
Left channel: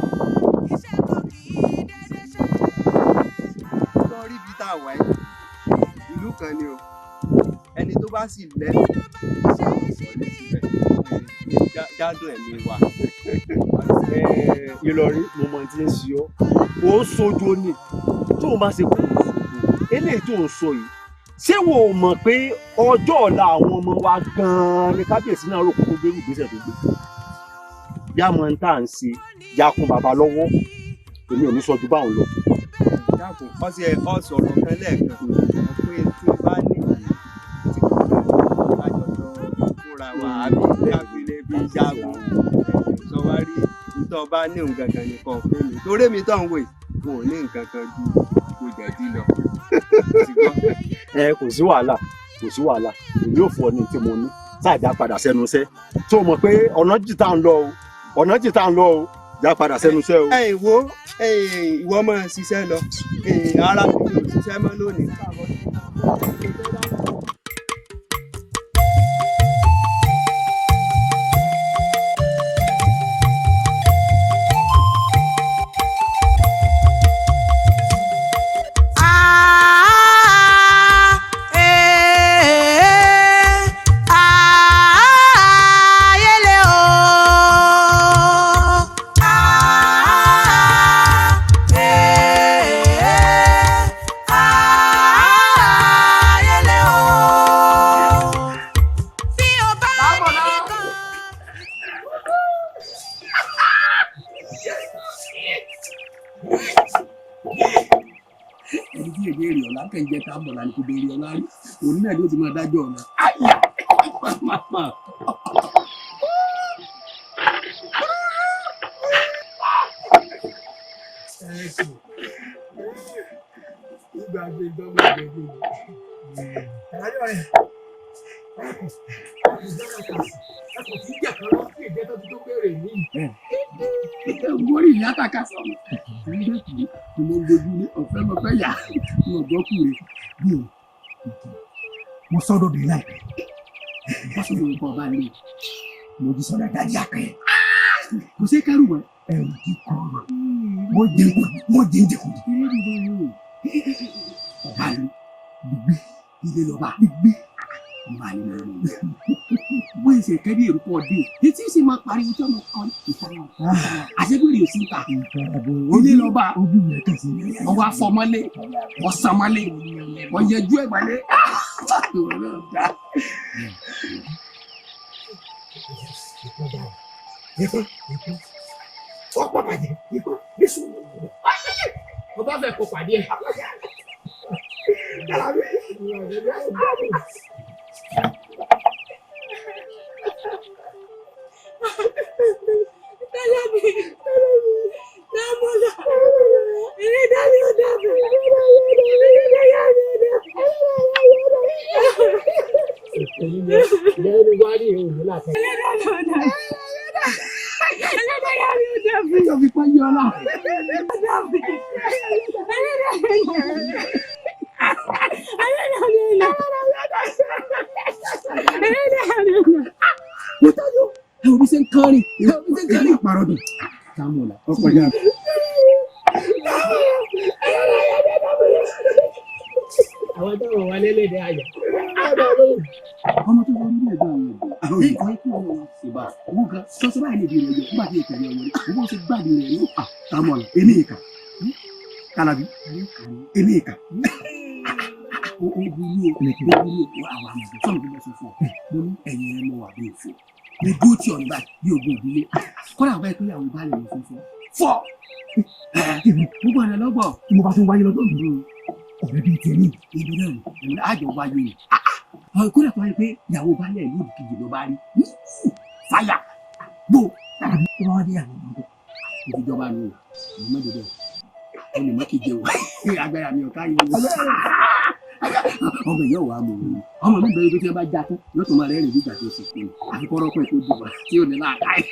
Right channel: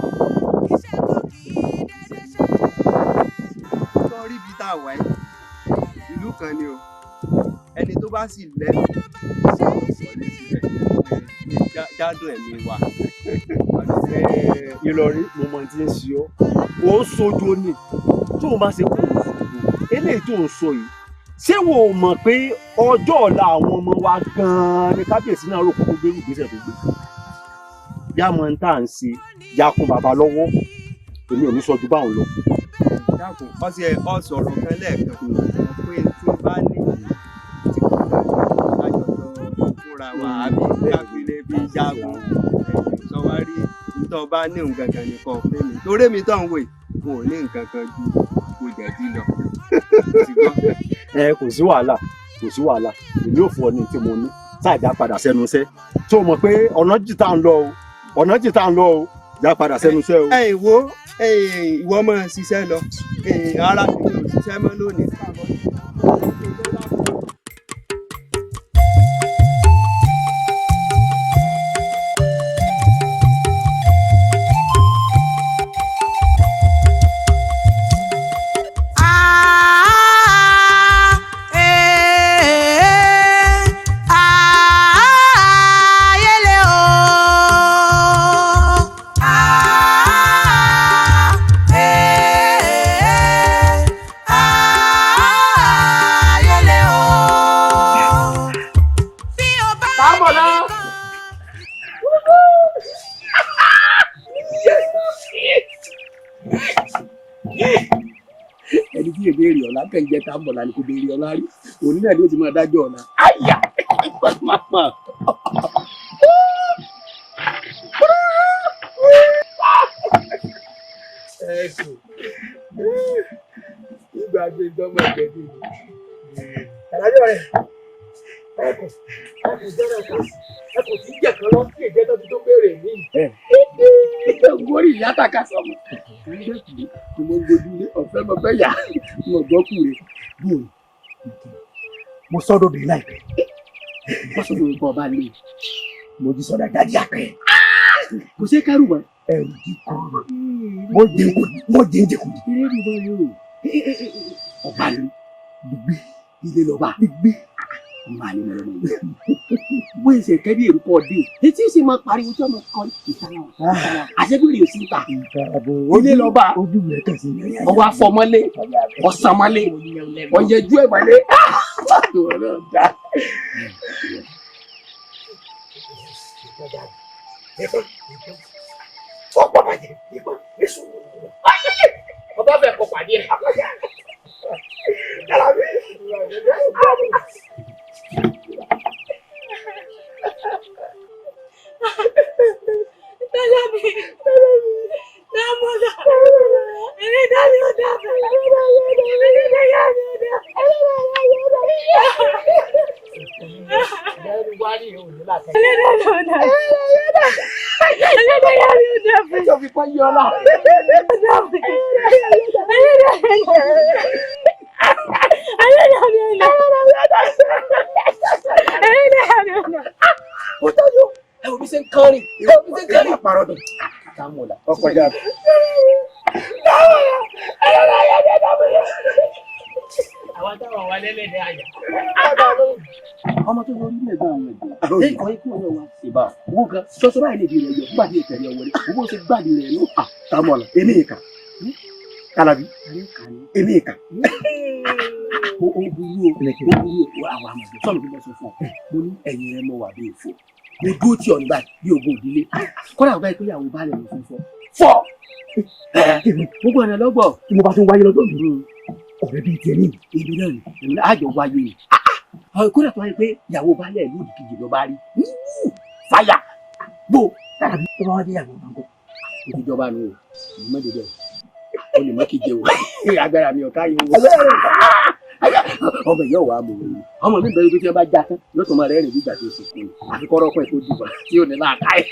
sọ́ọ́rí bíi tá a wà yìí ìlú kan ni o ẹni tó bá sì lẹ́nu wọlé síbẹ̀ jádùn ẹ̀mí wa. Ìlọrí mo mọ ti ń ṣe ọ́ ò ń sojo ni tó o bá ṣe kó o sojo eléyìí tó o sọ yìí ṣé wo ò mọ̀ pé ọjọ́ ọ̀la àwọn ọmọ wa gan-an ni kábíyèsí náà rò kókó gbé ìgbésẹ̀ tó gbé yá mọ ní tá à ń ṣe yá kún bàbá lọ́wọ́ èmi ò ní sọ ju báwọn lọ. dákun ọ̀sọ̀rọ̀ kan lẹ́ẹ̀kan pé tí n bá ní fúnra wa àbí kábílẹ̀ bí jagun sọ wá rí nítorí bá ní nǹkan kan nìkan pé mi torí mi tó ń wò kò ní nǹkan kan ju kò jẹ̀dí lọ. kò sí wàhálà èmi ò fún ọ ní tí mo ní sáàjà padà sẹ́nu iṣẹ́ tó mọ̀ pé ọ̀nà jìtá ń lọ o ọ̀nà tí tá ń lọ o já padà sẹ́nu iṣẹ́ o. Ìwọ máa ṣiṣẹ́ lọ ara mi ò ṣiṣẹ́ mọ́ lónìí. ẹni tí èdè èrè ọ̀la kẹ́ńjẹ́ tá ń bọ̀ lánàá kò béèrè ọ̀la rí òní náà ló ti máa dájọ́ ọ̀la. àyà pàpà. ìgbà gbé gbọ́mọ ìgbẹ́jọ́ mi. àlàyé rẹ̀ ẹ̀kọ́ ìjọba ẹ̀kọ́ sí jẹ̀kan lọ sí ìjẹ́tọ́ tó béèrè mí. Gbórí ìyá tàka sọ̀mù. Mo gbójú ní ọ̀fẹ́ mo fẹ́ yà mo gbọ́ kúre bí o. Mo sọ́dọ̀ bẹ̀rẹ̀ láìpẹ́. Wọ́n sọ̀rọ̀ nǹkan ọba lè. Mo jí sọ́dọ̀ jáde àpẹ́. Kò sí kárù mọ́. Ẹ̀rù kíkọ́ rẹ̀. Mo jẹ́ ìjẹ̀kù. Ilé ìbọn yóò. Ọba lè gbígbé ilé lọ́ba. Gbígbé. Ọba lè lọ́ba yìí. Bó ṣe kẹ́bí èrú pọ̀ dé. Etí sì máa pariwo tí wọ́n máa kọ́ ìfarahàn. Àṣẹ́bìrì ò sí ta. Ilé lọ́ba. Ojú rẹ̀ kẹ̀sí. Ọwọ́ afọmọ́lé. Ọ̀sánmọ́lé. Ọ̀yẹ́jú ẹ̀ mọ́lé. Ọ̀pọ̀ bàjẹ́ ikọ̀ Jésù. Ọba fẹ́ kọ pàdé ẹ̀. Ọkọjá. Àwọn táwọn wà lẹ́lẹ́dẹ̀ àyà. Ọmọ tó wọlé ilé ẹ̀gbọ́n àwọn ẹ̀gbọ́n. Ṣé ìkọ́ ikú ọ̀rọ̀ wa ṣe bá owó kan ṣọṣọ báyìí lè di rẹ̀ yọ nígbà tí ìkẹ̀lẹ̀ ọ̀wọ́ rẹ̀ owó ṣe gbàdí rẹ̀ ní àtàmọ̀lá èmi ìkà Kalabi èmi ìkà. Ó burú o àwọn àmọ̀dé sọ́nù tó bá sọ fún ọ mo ní ẹ̀yìn rẹ̀ mọ̀ wà bí òfò mo dúró tí ọ̀nà báyìí bí ogun òdílé kọ́lá ọ̀gá ìpínlẹ̀ àwọn balẹ̀ mi fún fọ́ gbogbo ọ̀nà lọ́gbọ̀ tí mo bá tún wáyé lọ́dọ̀ mi ọ̀rẹ́ bíi tiẹ̀ ní ibi náà ni àjọ wáyé ni kódà tó wáyé pé ìyàwó balẹ̀ ìlú kejì ló bá rí fáyà gbó Kalabi tó bá wá dé ìyàwó bàbá ìjọba ni o mọ́tò bẹ́ẹ̀ o lè mọ́ kíjẹ o agbára mi ò káyọ̀ o ọmọ yóò wá mọ̀ wọ́n ọmọ mi bẹ̀rẹ̀ pé tí wọ́n bá já tán yóò tó máa rẹ́rìn nígbà tó ṣe kún un àfikọ́rọ́ pẹ̀ tó dùbọ̀ tí ò ní láàká ẹ̀.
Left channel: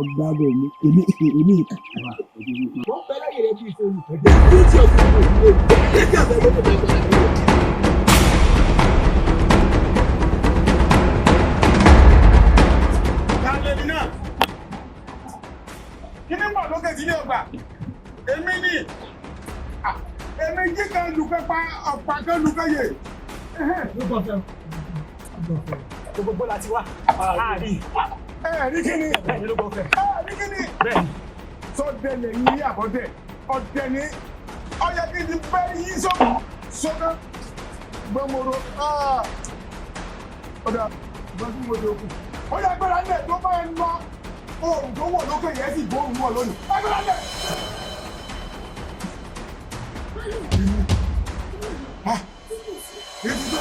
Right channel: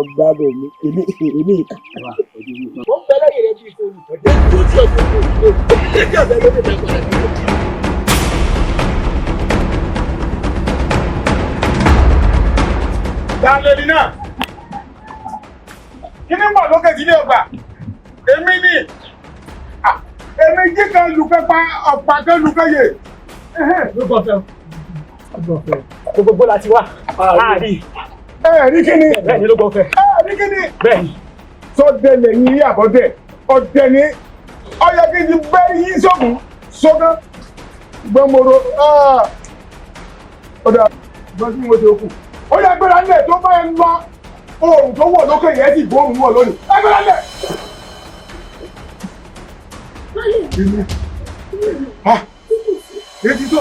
ọgbà bò mí èmi ìkà. Wọ́n fẹ́ lẹ́yìn rẹ̀ bí ìfowó ìtọ́jú tí ó ti ẹ̀ tó kù ní ẹgbẹ́ ọ̀bẹ ló dé lágbára lọ́wọ́. Dáńlẹ́ni náà, kí ni mọ̀ lókè tí ilé ọgbà? Èmi ni èmi jí kan lùkẹ́ pa ọ̀pá kan lùkẹ́ yè. Ló gbọ́ fẹ́ o. Gbogbo láti wá. Àárí. Rí kíni? Bẹ́ẹ̀ni ló gbọ́ fẹ́. Rí kíni? Bẹ́ẹ̀ni. Sọ́dẹ̀ lẹ́yìn yí àbọ̀dẹ̀. Ọ̀dẹ̀ ni ọyọ kí n ti bẹ́ẹ̀ yí sọ́ọ̀bù sọ́dọ̀ gbọ́mọ̀rọ̀. Ọ̀dà ìgbọ́n tí mo ti kú. Ó yẹ gbéra ńlẹ̀ tó bá ń lọ oòrùn tó wọ̀ lókè yẹn sì bóòrùn wọ̀ lónìí. Ẹ gbéra ńlẹ̀. Ètí tó.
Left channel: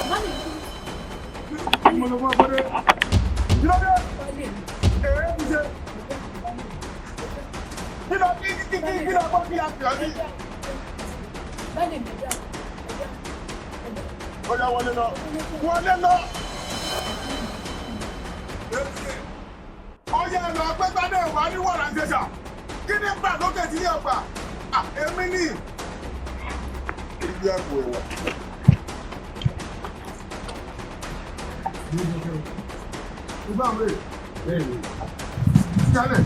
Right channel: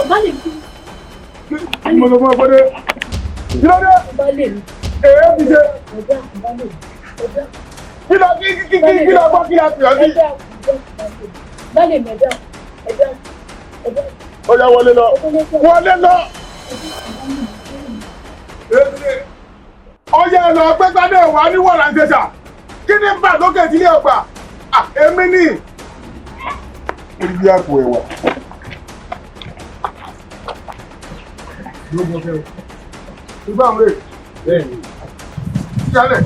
Mo lọ fún ọgbọ́dé. Kí ló dé? Èé fi ṣe. Kí ló gbọ́ kí a pè ọ́ sí? Ó yá wọlé lọ. Wọlé lọ. ó yẹ lọ pé gbádé wà ní wọ̀lá ń ṣẹṣà kí ni bá lókè tí ilé ọgbà èmi ní orí bí àpò ẹ̀wà. ìgbà ń rè bẹ́ẹ̀ni ìyálẹ̀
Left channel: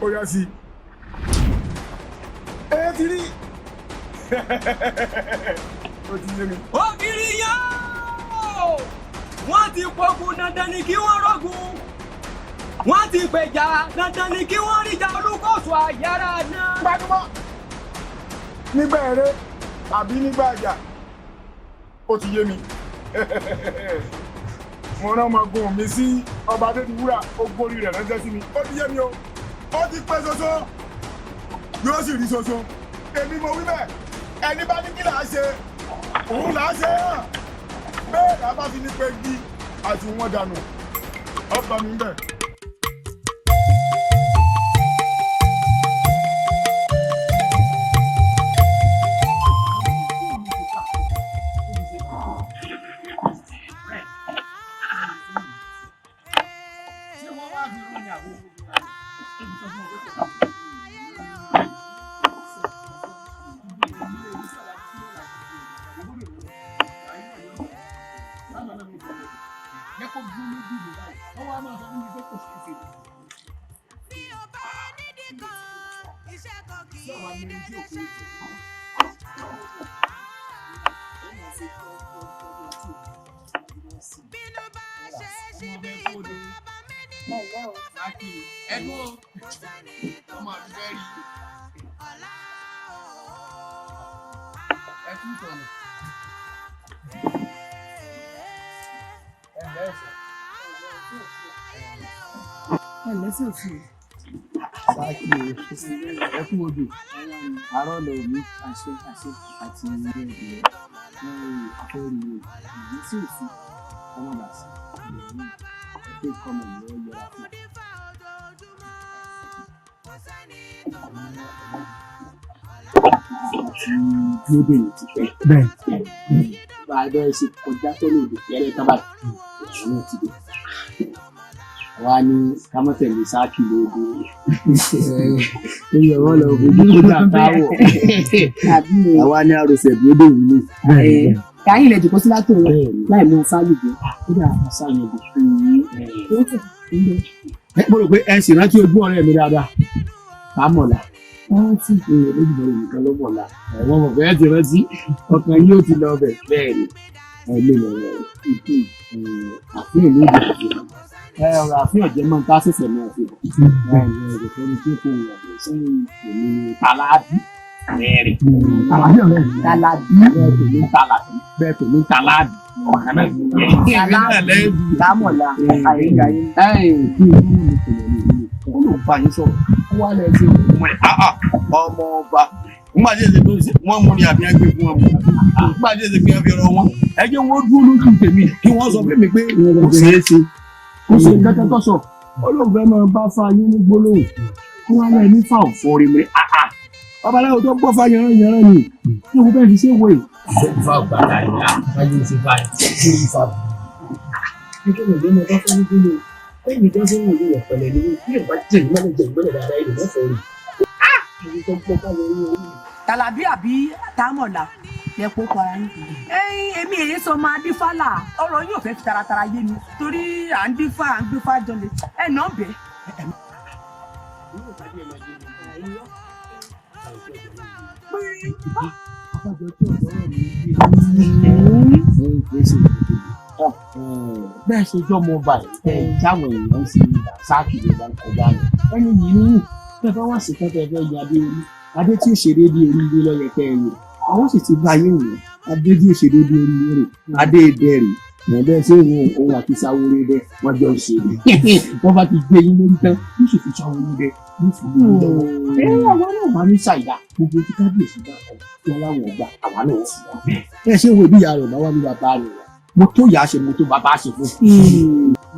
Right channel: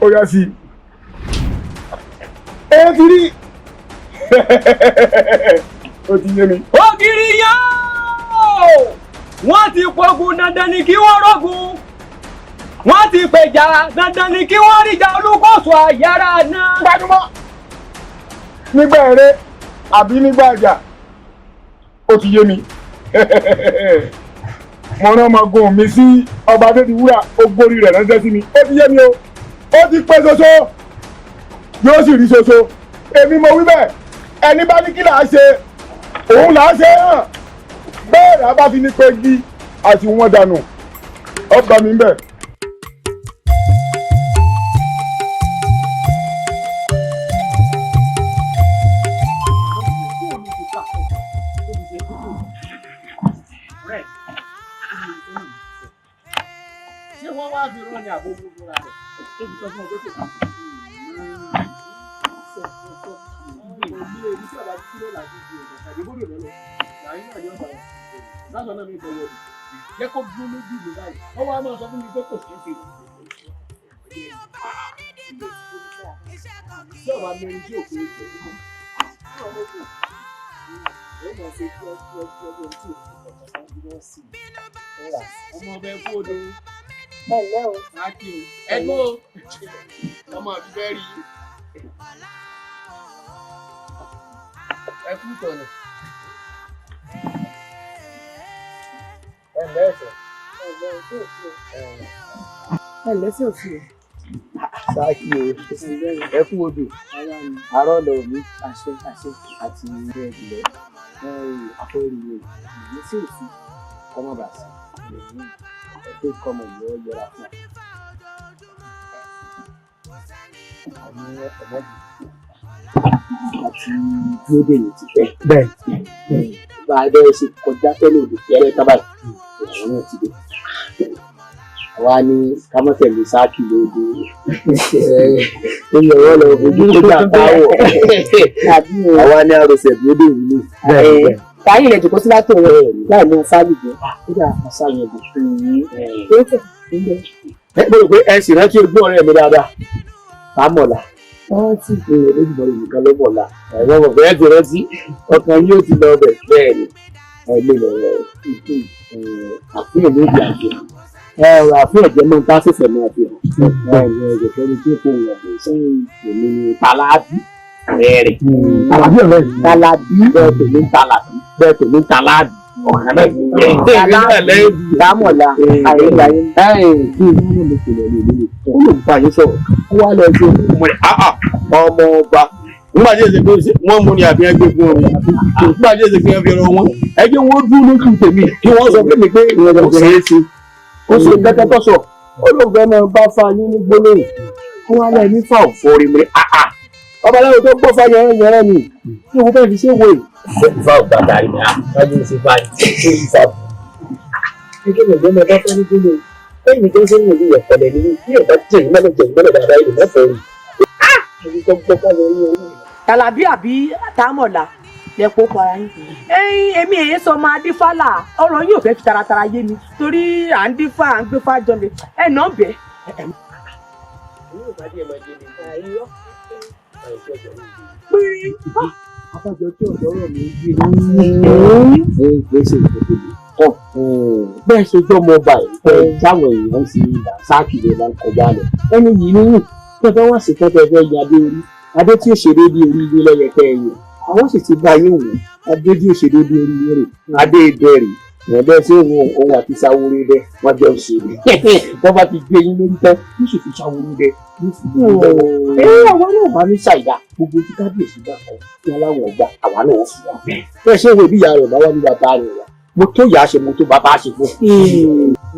ó yá sí ẹ ti rí ó ti yé mi. ògiri yá wọ́n ti pogun dandan ni kí wọ́n rọ́gun wọ́n ti pèjà dandan ni kí wọ́n ríjà olúkọ̀sọ àyàrá náà. gbajúmọ̀ nígbà eré àbí nígbà àjà ó ti yé mi mo rán ọmọọgùn mi sí ọba adédìwúrà ó gbórí rẹ̀ ránṣẹ́ sí mi ó ti yé mi o ó ti pẹ́ ṣoṣo yóò sì rí ṣoṣo èmi mo wí bẹ́ẹ̀ ẹni bá ní kí là á ṣe òun là á ṣe hàn bẹ́ẹ̀ rà bá fi ní pé gí àti wọn dànù ọgbà mi bẹ́ẹ̀. ọmọ mi fẹ́ rí ẹ kú tọ̀nà. ẹlẹ́sẹ̀ òsì o. sáàkì o ẹ kú odò àárọ̀ lọ mi àṣẹ àti ilé ìbílẹ̀ afẹ́rí o ẹlẹ́sẹ̀ òsì kọ́mọ̀dà sí ẹgbẹ́ kọ́mọ̀ ìlú yẹra fún àti dúró dèyí ti pẹ́. bẹ́ẹ̀ bá a bẹ́ẹ̀ ṣe kọjá tẹ́lẹ̀ òde tẹ́lẹ̀ tábàlì òun náà ti dé. àwa ní kámọ́tẹ̀lẹ̀ sáàkì lóde ẹ̀yìn ọ̀rọ̀ lọ fojú tó jà káwọ̀ àwa ní àròsẹ̀ dúró dèyí ní. táyì ilẹ̀ jòkó sí látò rẹ̀ láì ní sáàlì jẹ́ kódà àṣàyàn ẹ̀dùn fún yín. mo rò pé ẹ sì rántí ojú ọ̀rẹ́ mi dáadáa àmọ̀là rántí ìpínlẹ̀ lójúmọ̀ nìkan ló mọ̀lá ẹ̀rọ ọ̀fẹ́ ti rántí ọkàn yóò ti lọ bẹ̀ bẹ́ẹ̀ ni ẹ̀mí lọ̀rọ̀ àfihàn lóde àfihàn àfihàn jẹ́ mọ́ tá a ṣẹ̀ṣẹ̀ mọ́ àfihàn ẹ̀rọ fẹ́ni tí kò wọ̀ bẹ̀ sẹ́yìn èmi ni Tàlàbí rẹ̀ Tàlàbí bẹ́ẹ̀ tó ní Tàlàbí bẹ́ẹ̀ tó ní Tàlàbí dámọ̀lá àyèláyé kí inú mi kò lọ lè lè ó lè bá yín sọ̀rọ̀ ó wá lọ sí ọmọ rẹ̀ ọmọ ọba nígbà tí èsì pé wọ́n mú ni àbí ẹgbẹ́ fún ọmọ nígbà tí èsì pé wọ́n fi ọ̀rọ̀ wọn ẹjẹ́ wọn dúró lójú tèmi kí wọ́n sọ fún mi pé ìrọ̀lẹ́ kò ṣeé ṣe ó ṣe kẹ́kẹ́ tó sọ ó lóun fẹ́ máa bá fa yín ní gbólóhùn kí wọ́n lẹ́ ní fáwọn fọ́ọ̀rì mi ọbaláwo tó gbọ́ fáyọ̀ yẹn ni kí wọ́n fẹ́ fi ṣe wòye. ìfà ògbàgbà rẹ̀ ni àwọn ṣe báyìí ṣé ìfà bù. nítorí ìgbẹ́ mi bá fẹ́ ní gbólóhùn ẹ̀yìn tó ń sẹ́yìn ìlú ìyẹ̀pẹ̀lẹ̀ ni bí ẹ̀dá jẹ̀yìn mọ́lẹ̀ dáadáa ìlú mẹ́fọ̀ọ́ rẹ̀. ẹ̀yìn tó gbọ́ fáyọ̀ yẹn ni. Tàlàbí àbí Támọ̀lá lẹ́pọ̀ para yín. èmi èyí sọ máa dífálà ọ̀rọ̀ yóò fẹ́ fi taratara yé mi torí à ń dífá à ń gbé fájọ lè ẹ̀ náà bẹ́ẹ̀. Àpàjọ tí ọ̀dọ́ rẹ̀ mi gbé ní gbèsè ìgbòkèlè bẹ́ẹ̀ ṣe gbọ́ ọmọ ọba ẹ̀ táwọn èèyàn ti sáàkì lè máa ń kọjá lọ ẹni yìí ní tẹ́fẹ́ wá sí tẹ́fẹ́ fẹ́ yan adé orí adé tí ó ṣe déédéé orí ilé lọ́yẹ kẹ́ ẹ̀yìn àwọn sì ti bá yín wò adé tí ó ṣe déédéé orí ilé rẹ̀ adé ìbẹ̀rẹ̀ wọ́n bẹ́ẹ̀ sí òun àti sáwórí dẹ́ wọ́n jọ ṣe wọ́n bá ti gbé yín lórí tán yóò sì fi sáwórí dẹ́ yóò fi gbé yín lọ́wọ́ àwọn náà máa ní ṣàìdá gbogbo tí kábíyèsí bá kọ kí aláwọ̀ ọgbà àwa náà fi wá bẹ́ẹ̀ ṣé ìwé bí ìyá rẹ̀ bá wà ní bàbá rẹ̀ wá mo tó yà á ṣe mo tó bàbá ṣe fún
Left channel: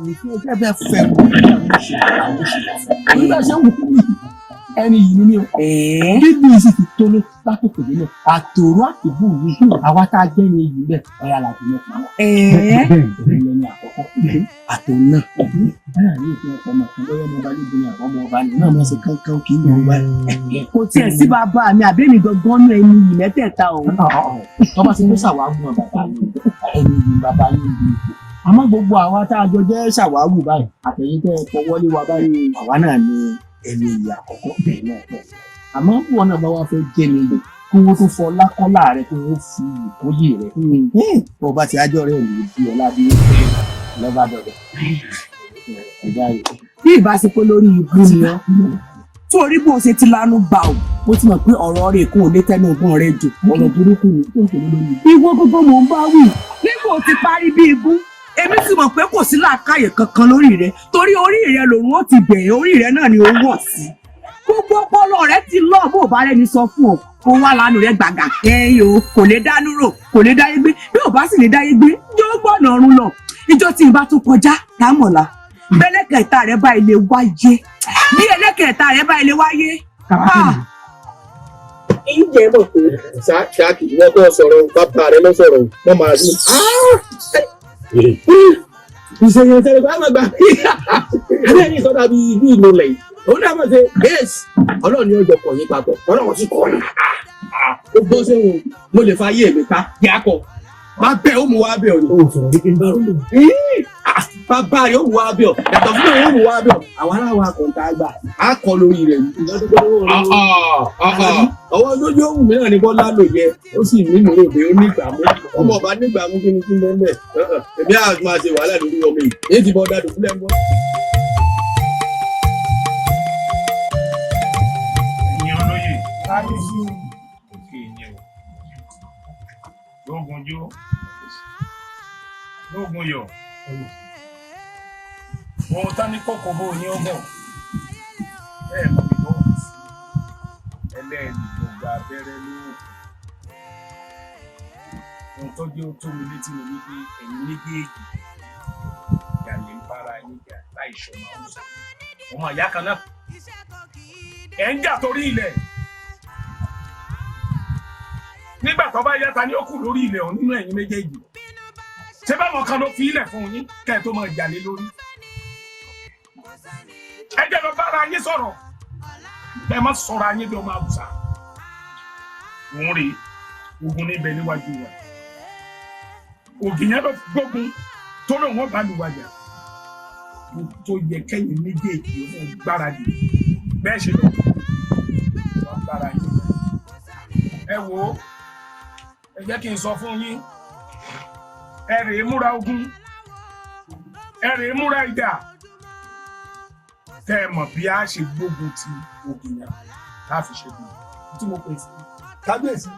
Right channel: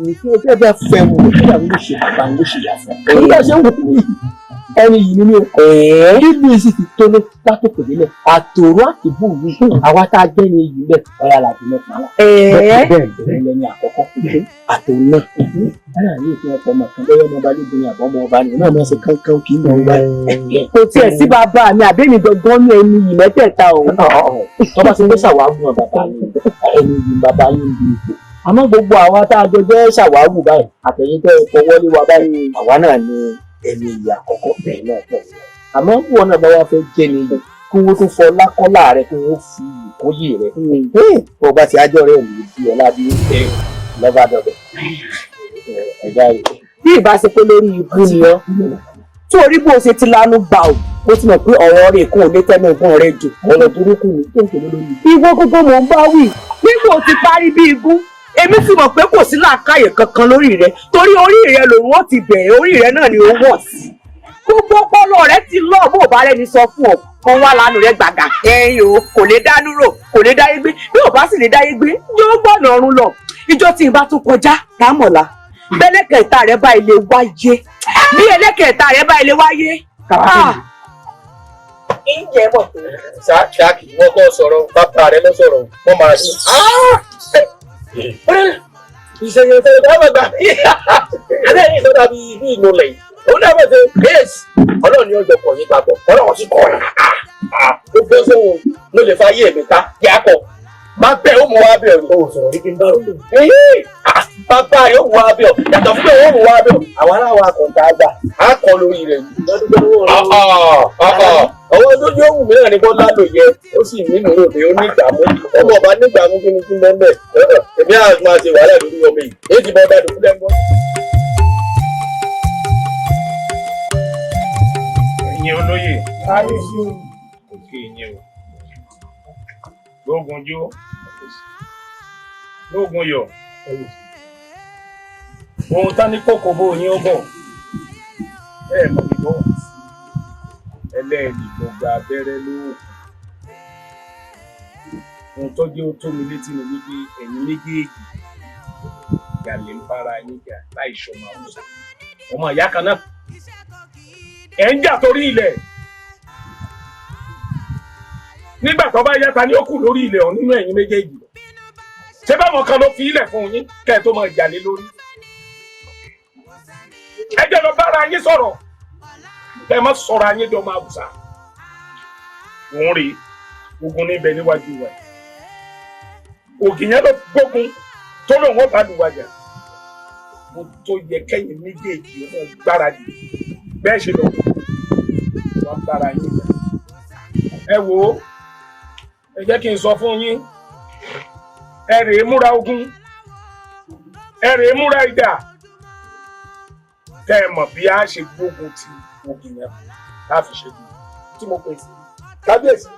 un ṣé bẹ́ẹ̀ fẹ́ mo tó yà ló ṣe bàbá ló ṣe yà fún un ṣé ń wò ó ẹni yìí nínú bíbí sì ti tóní látòkè délẹ̀ àtòrò àtìbù yìí àwa tá a jẹ́ ní iyì bẹ́ẹ̀ ọ̀rọ̀ àlàbí mẹ́ta la. bẹ́ẹ̀ lẹ́ni àkọ́kọ́ àtòrò náà ara yìí fi ọkọ̀ ọmọ kan lọ́wọ́ ọmọ balógun ní àbọ̀ ọmọ ọba ni náà máa ṣe kánkán kì í mọ̀ ọ́n báyìí. kò tiẹ̀ sí bàbá mi àbẹ́ni gangan ní ẹni yìí mẹ́tẹ̀ẹ̀ta o. wọ́n bá ti gbé ṣàwáwù wọn bàbá yín ẹni yìí bàbá yín bí ipò àmọ́ gbogbo àwa tá a jọ jẹ́ ṣàwáwù báyìí àtẹ̀yìntẹ́ fọwọ́lé wa báyìí àwa náà ní ẹni yìí àkọ́kọ́ bẹ́ẹ̀ náà pọ̀ àmọ́ wọn náà bá wá fẹ́ jẹ́ ni yìí kí wọ́n tún fọ lákọ́lá rẹ kí wọ́n fi ìkóyè rẹ bó bá ti ájọ́ rẹ lè di ọ̀la bí lọ́ba dọ̀dọ̀ ẹ̀dá rẹ. bí ìbá ṣe pé lórí ibú ni ọ́ tí orí bó ṣe ti lanu gbà ó ó ti mọ̀ pé ọ̀rọ̀ rẹ̀ kò lè tẹ́nu ìgbọ́n rẹ̀ jù ọ̀rọ̀ burúkú ni tó ń pè lórí. ìwọ gbogbo mò ń bá wí nígbà tí parí bí ibú èmi sì mọ̀ pé kò sí làákàyè kankan lórí rẹ torí orí rẹ lòun ó ti bẹ̀rẹ̀ orí rẹ náà ni ó wọ̀ sí gbogbo ọpọlọ rẹ ti lọ bó bá rẹni sọ fún ọ kó wá lánàá rẹ gbàgà ẹyìn o kò lè dánú rò kò lè dáyé gbé bí ò bá sì lè dáyé gbé yóò gbọ̀nà ọ̀run lọ ìjọ tí n bá tún kọjá lámọ̀lá bẹ́lẹ́kẹ̀ẹ́ta rẹ bá ilé wáyé bí ẹlẹ́kẹ̀ẹ́ta rẹ bá ilé wáyé. ìjẹ́ mọ̀ pé ṣáàkì wọ́n kọ́ sọ̀rọ̀ bàbá rẹ lọ sọ̀rọ̀ wọ́n máa ní. ìṣèyàn ìṣẹ̀lẹ̀ tó gbàgbà abẹ́rẹ́ ìsọdá bíi ìlú lẹ̀ òun náà bẹ̀ ṣe bẹ́ẹ̀sì ọlọ́run ni ọjọ́ kọ̀ yín papọ̀ ọlọ́run sì kọ̀ ọ́ ó gbé sóhun ló lè fa ayé mi ká yá kọ má bẹ́ẹ̀ ó mú wá bẹ́ẹ̀ o. o sọ̀rọ̀ wípé n bá rò. bàbá rẹ̀ ó mú wá bẹ́ẹ̀ yàtọ̀ fún mi ó mú wá bẹ́ẹ̀ àwọn aláwọ̀ akọ̀ǹtà àgbà á kọ́ lórí rẹ̀ ọwọ́ lójú òwú mi náà ní bọ́lá lò yẹ ó sì ní ìmúrò pé ó ní ìgbàmú ọmọ ọba ní ìgbàmú kí ni kí n bọ́ mẹ́ èmi á máa ṣe wàhálà lórí ọmọ yìí èyí ti bọ́ ọba dùn fúlẹ̀ ń bọ́. ẹ̀yin olóyè òkè ìyẹn o lóògùn jó lóògùn yọ ohun tá ní kókó bó yín ó bọ̀ bẹ́ẹ̀ mọ̀ ní bọ́ ẹlẹ́ẹ̀lì tó gba abẹ́rẹ́ lóògùn ohun tó jẹ́ ó tó mi létí ni wípé ẹ̀yin méjèèjì ìyàlẹ̀ ń bára yín jà láì ṣọmọ àwùjọ ọmọ ìyá kan náà ẹ̀ ń jà torí ilẹ̀ nígbà tó bá yáta ní ó kù lórí ilẹ̀ ọ̀hún nínú ẹ̀yin méjèèjì ṣé báwọn kan ló fi ilẹ̀ fún yín kẹ́ ẹ̀ tó máa jà lé lórí ẹ jẹ́ lọ bára yín sọ̀rọ̀ ẹ má sọ̀rọ̀ ayé dọ̀ máa wùsà òun rèé ogun níbẹ̀ níwájú wa ògìyàn ló gbógun tó lóun ó bá lù wájà mo tó yẹ kẹ́yìn méjèèjì ọmọ gbáradì bẹ́ẹ̀ ṣe lọ wọ́n bára yín ẹ wò ó ẹ jẹ́ kí n sọ fún yín ẹ rèé múra ogun ẹ rèé múra ìjà kẹ́ ẹ mọ̀ bí a ṣe gbógun ti ògìyàn láfi ṣe dùn tí mo pè sí kábíyèsí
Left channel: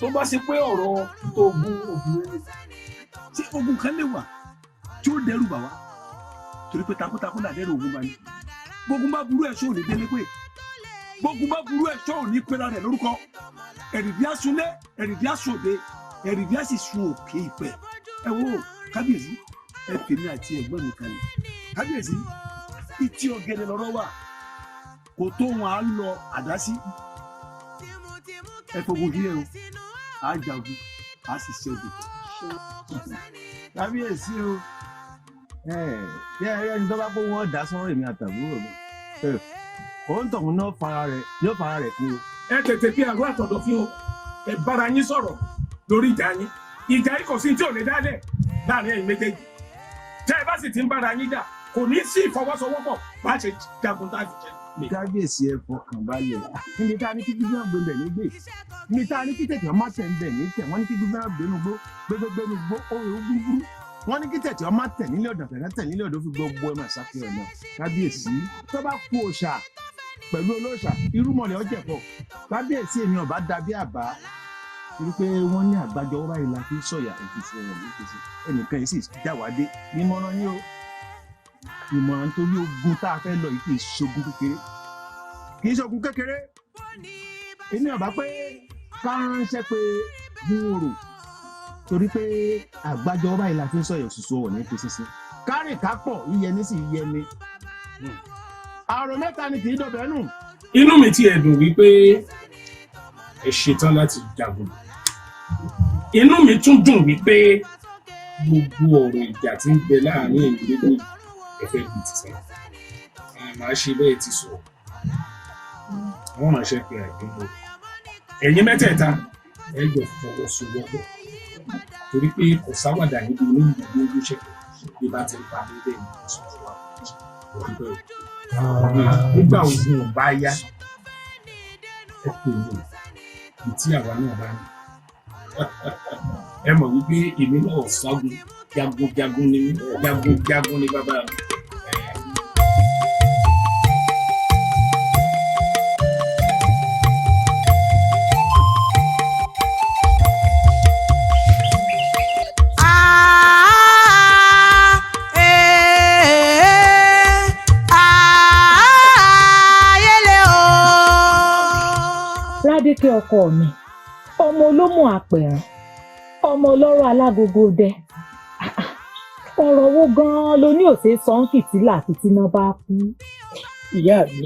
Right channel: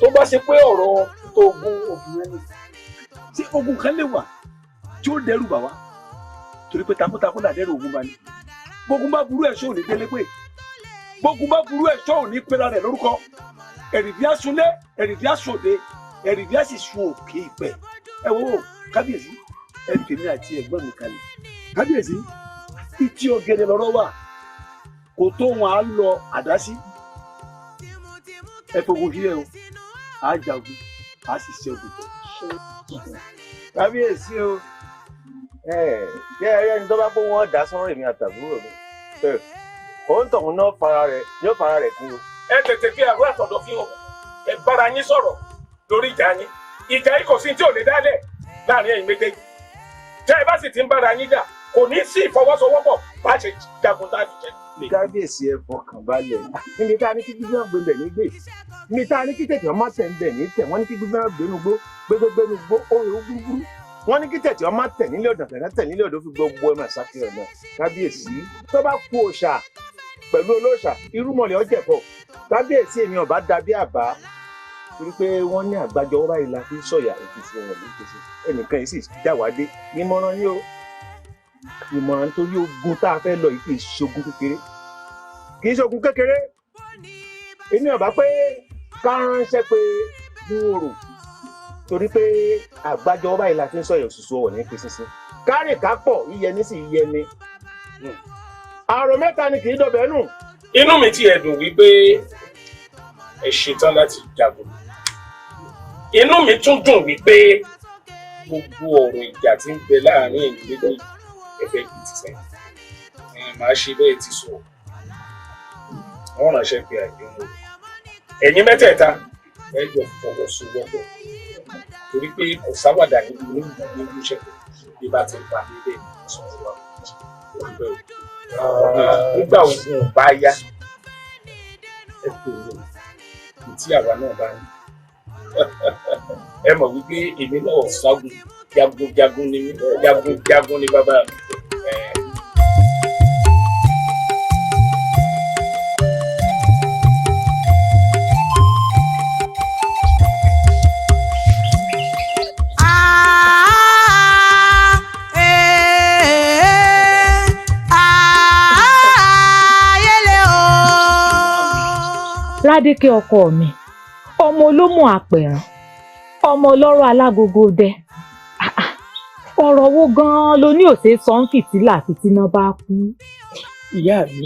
tó bá ṣe pé ọ̀rọ̀ tó ogun ògìyàn ni ṣé ogun kan lè wà tí ó dẹ́rù bà wá torí pé takuntakun là dẹ́rù ogun bá ní gbógun bá burú ẹ̀ṣọ́ ò ní délé pé gbógun bá burú ẹ̀ṣọ́ ò ní pera rẹ̀ lórúkọ ẹ̀rìndí asunlé ẹ̀rìndí asòde ẹ̀rìndí àṣìṣun òkè ìpẹ́ ẹ wo kábíyèsí ẹ tèmi àti ẹ̀gbọ́n mi kalẹ̀ kábíyèsí ìtì ọ̀gẹ̀dẹ̀ lọ́rọ̀ wà kò tó wọn á lọ àdá sí ẹ fogun sílẹ̀ o á jagun á sì ṣẹ́gun. kábíyèsí o ṣé ẹyẹ ní tó bá pé wọn dá sọ́rọ̀ èmi àtàbúrò mi òun tọ̀hún náà yóò fara rẹ̀ kú o. ẹ tètè fi àrùn àtọ̀dọ̀ fi hàn ẹ bára yín sọ̀rọ̀ lórí ìjà yín ìjà yìí kò sí tí ò lè dálẹ̀ láàrin ẹ̀yin méjèèjì tẹ́ ẹ bá sì ti ń bára yín jà kò ní sí ìfọwọ́sowọ́pọ̀ bá ṣe jagun tá a fi jẹ. kábíyèsí ẹ fọkàn balẹ̀ níbi tá a ní kí gbígbọ́n gbé bẹ̀ nígbè níbi tá a ní kí tẹ̀tẹ̀ ọmọ tẹ̀ ń bẹ̀ ní tẹ̀ wọ́n ní kí gbígbọ́n gbénugbó gbégbégbénugbó òòrùn gbúgbúrú wọ́n ní kí tẹ̀tẹ̀ ọmọ tẹ̀ nílé ọ̀dàn tẹ̀ nílé ọ̀dàn fi gbogbo ẹ̀ máa ṣàfihàn náà kábíyèsí tó bá kú òòṣà pẹ̀lú olóòṣà irúmọlẹ̀ ọ̀jẹ̀bọ̀ kábíyèsí èmi ọ̀bá dàbí àbá torí pé wọ́n ní àgbájọ ọba ìlà fi sọ̀yà òfìsì ọ̀rọ̀ lókèsì ẹnìkan yìí sì jáwádé nímọ̀ràn ní o ìmọ̀ràn tó yóò gun tá a fẹ́ lọ yìí kì í ṣogun kékeré kì í ṣogun kékeré èmi ọ̀bá pé ká ránṣẹ́ pé gbòòrò torí pé àgbájọ ọba ìlà fi sọ̀yà òṣìṣẹ́ ọ̀rọ̀ ní pèsè kárì kápọ̀ yíyẹni sì yíyẹni àrò mẹ́ta ni kì í dọ̀bẹ̀ nù inú mi ti ẹ̀dùn wípé ẹ ṣetán láti jagun. Inú mi tún dùn wípé gbogbo ọ̀rọ̀ ìjà tí ń bẹ láàrin ẹ̀yin méjèèjì ẹ fẹ́ kì í ti sẹ́yìn. Màá ṣe bẹ́ẹ̀ ti sọ. Wọ́n ránṣẹ́ pé àìdúró. Ẹ̀yin mẹ́tẹ̀ẹ̀ta ẹ jọ fọwọ́sowọ́pọ̀ torí pé kò sáwàdà níbi inú ìgbàgbé ojúṣe bí bá ti ń pa nílé ìsọ̀rọ̀ wa. Nígbà ogun bá yá ẹ pè mí tí àwa náà bá ní. Ẹ mọ̀ wípé èmi náà ṣágun jagunjagun ni mí jagunjagun ni bàbá mi. Ládékẹ́ ọkọ mi, ọmọ olómù àpẹ̀rán, ọmọ ọlọ́rọ̀ alágogo dẹ. Ọ̀rọ̀ wo gan-an ló ní òṣè sọ ń fìtílà fìtíná bá kú? Ìyá mi,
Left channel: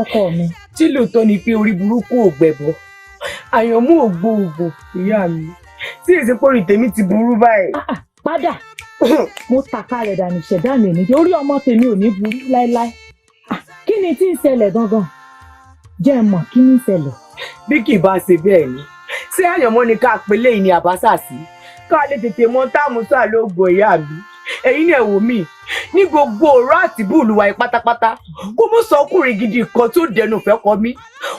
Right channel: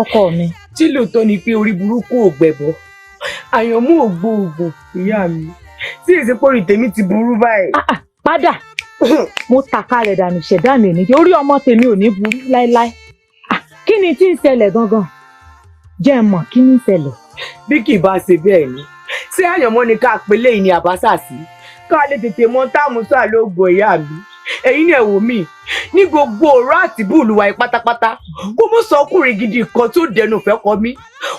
ọkọ mi. Tí lóòótọ́ ni pé orí burúkú ò gbẹ̀bọ, àyànmú ò gbóògùn, ìyá mi. Tí ìsìnkú orí tèmi ti burú báyìí. Padà, mo tàka rẹ̀ dànù ṣẹ̀dá mi nìyẹn, orí ọmọ tèmi ò ní burú láéláé. Kí ni tí ń ṣẹlẹ̀ gangan? Jẹ́ mọ̀ kí ni ń ṣẹlẹ̀? Bí kì í bá ṣe bẹ́ẹ̀ ni, ṣé àyànmọ́ ni ká pélé yìí ni àbáṣà sí? Ká lè tètè mọ táàmù sáà lóògùn ìyá mi. Ẹ̀yin náà wò mí, ní gbogbo ọ̀rọ̀ àti búùlùwà yìí pátápátá, kó mú sọkùnrin gidi kan tó dẹnu fẹ́ kọ mí.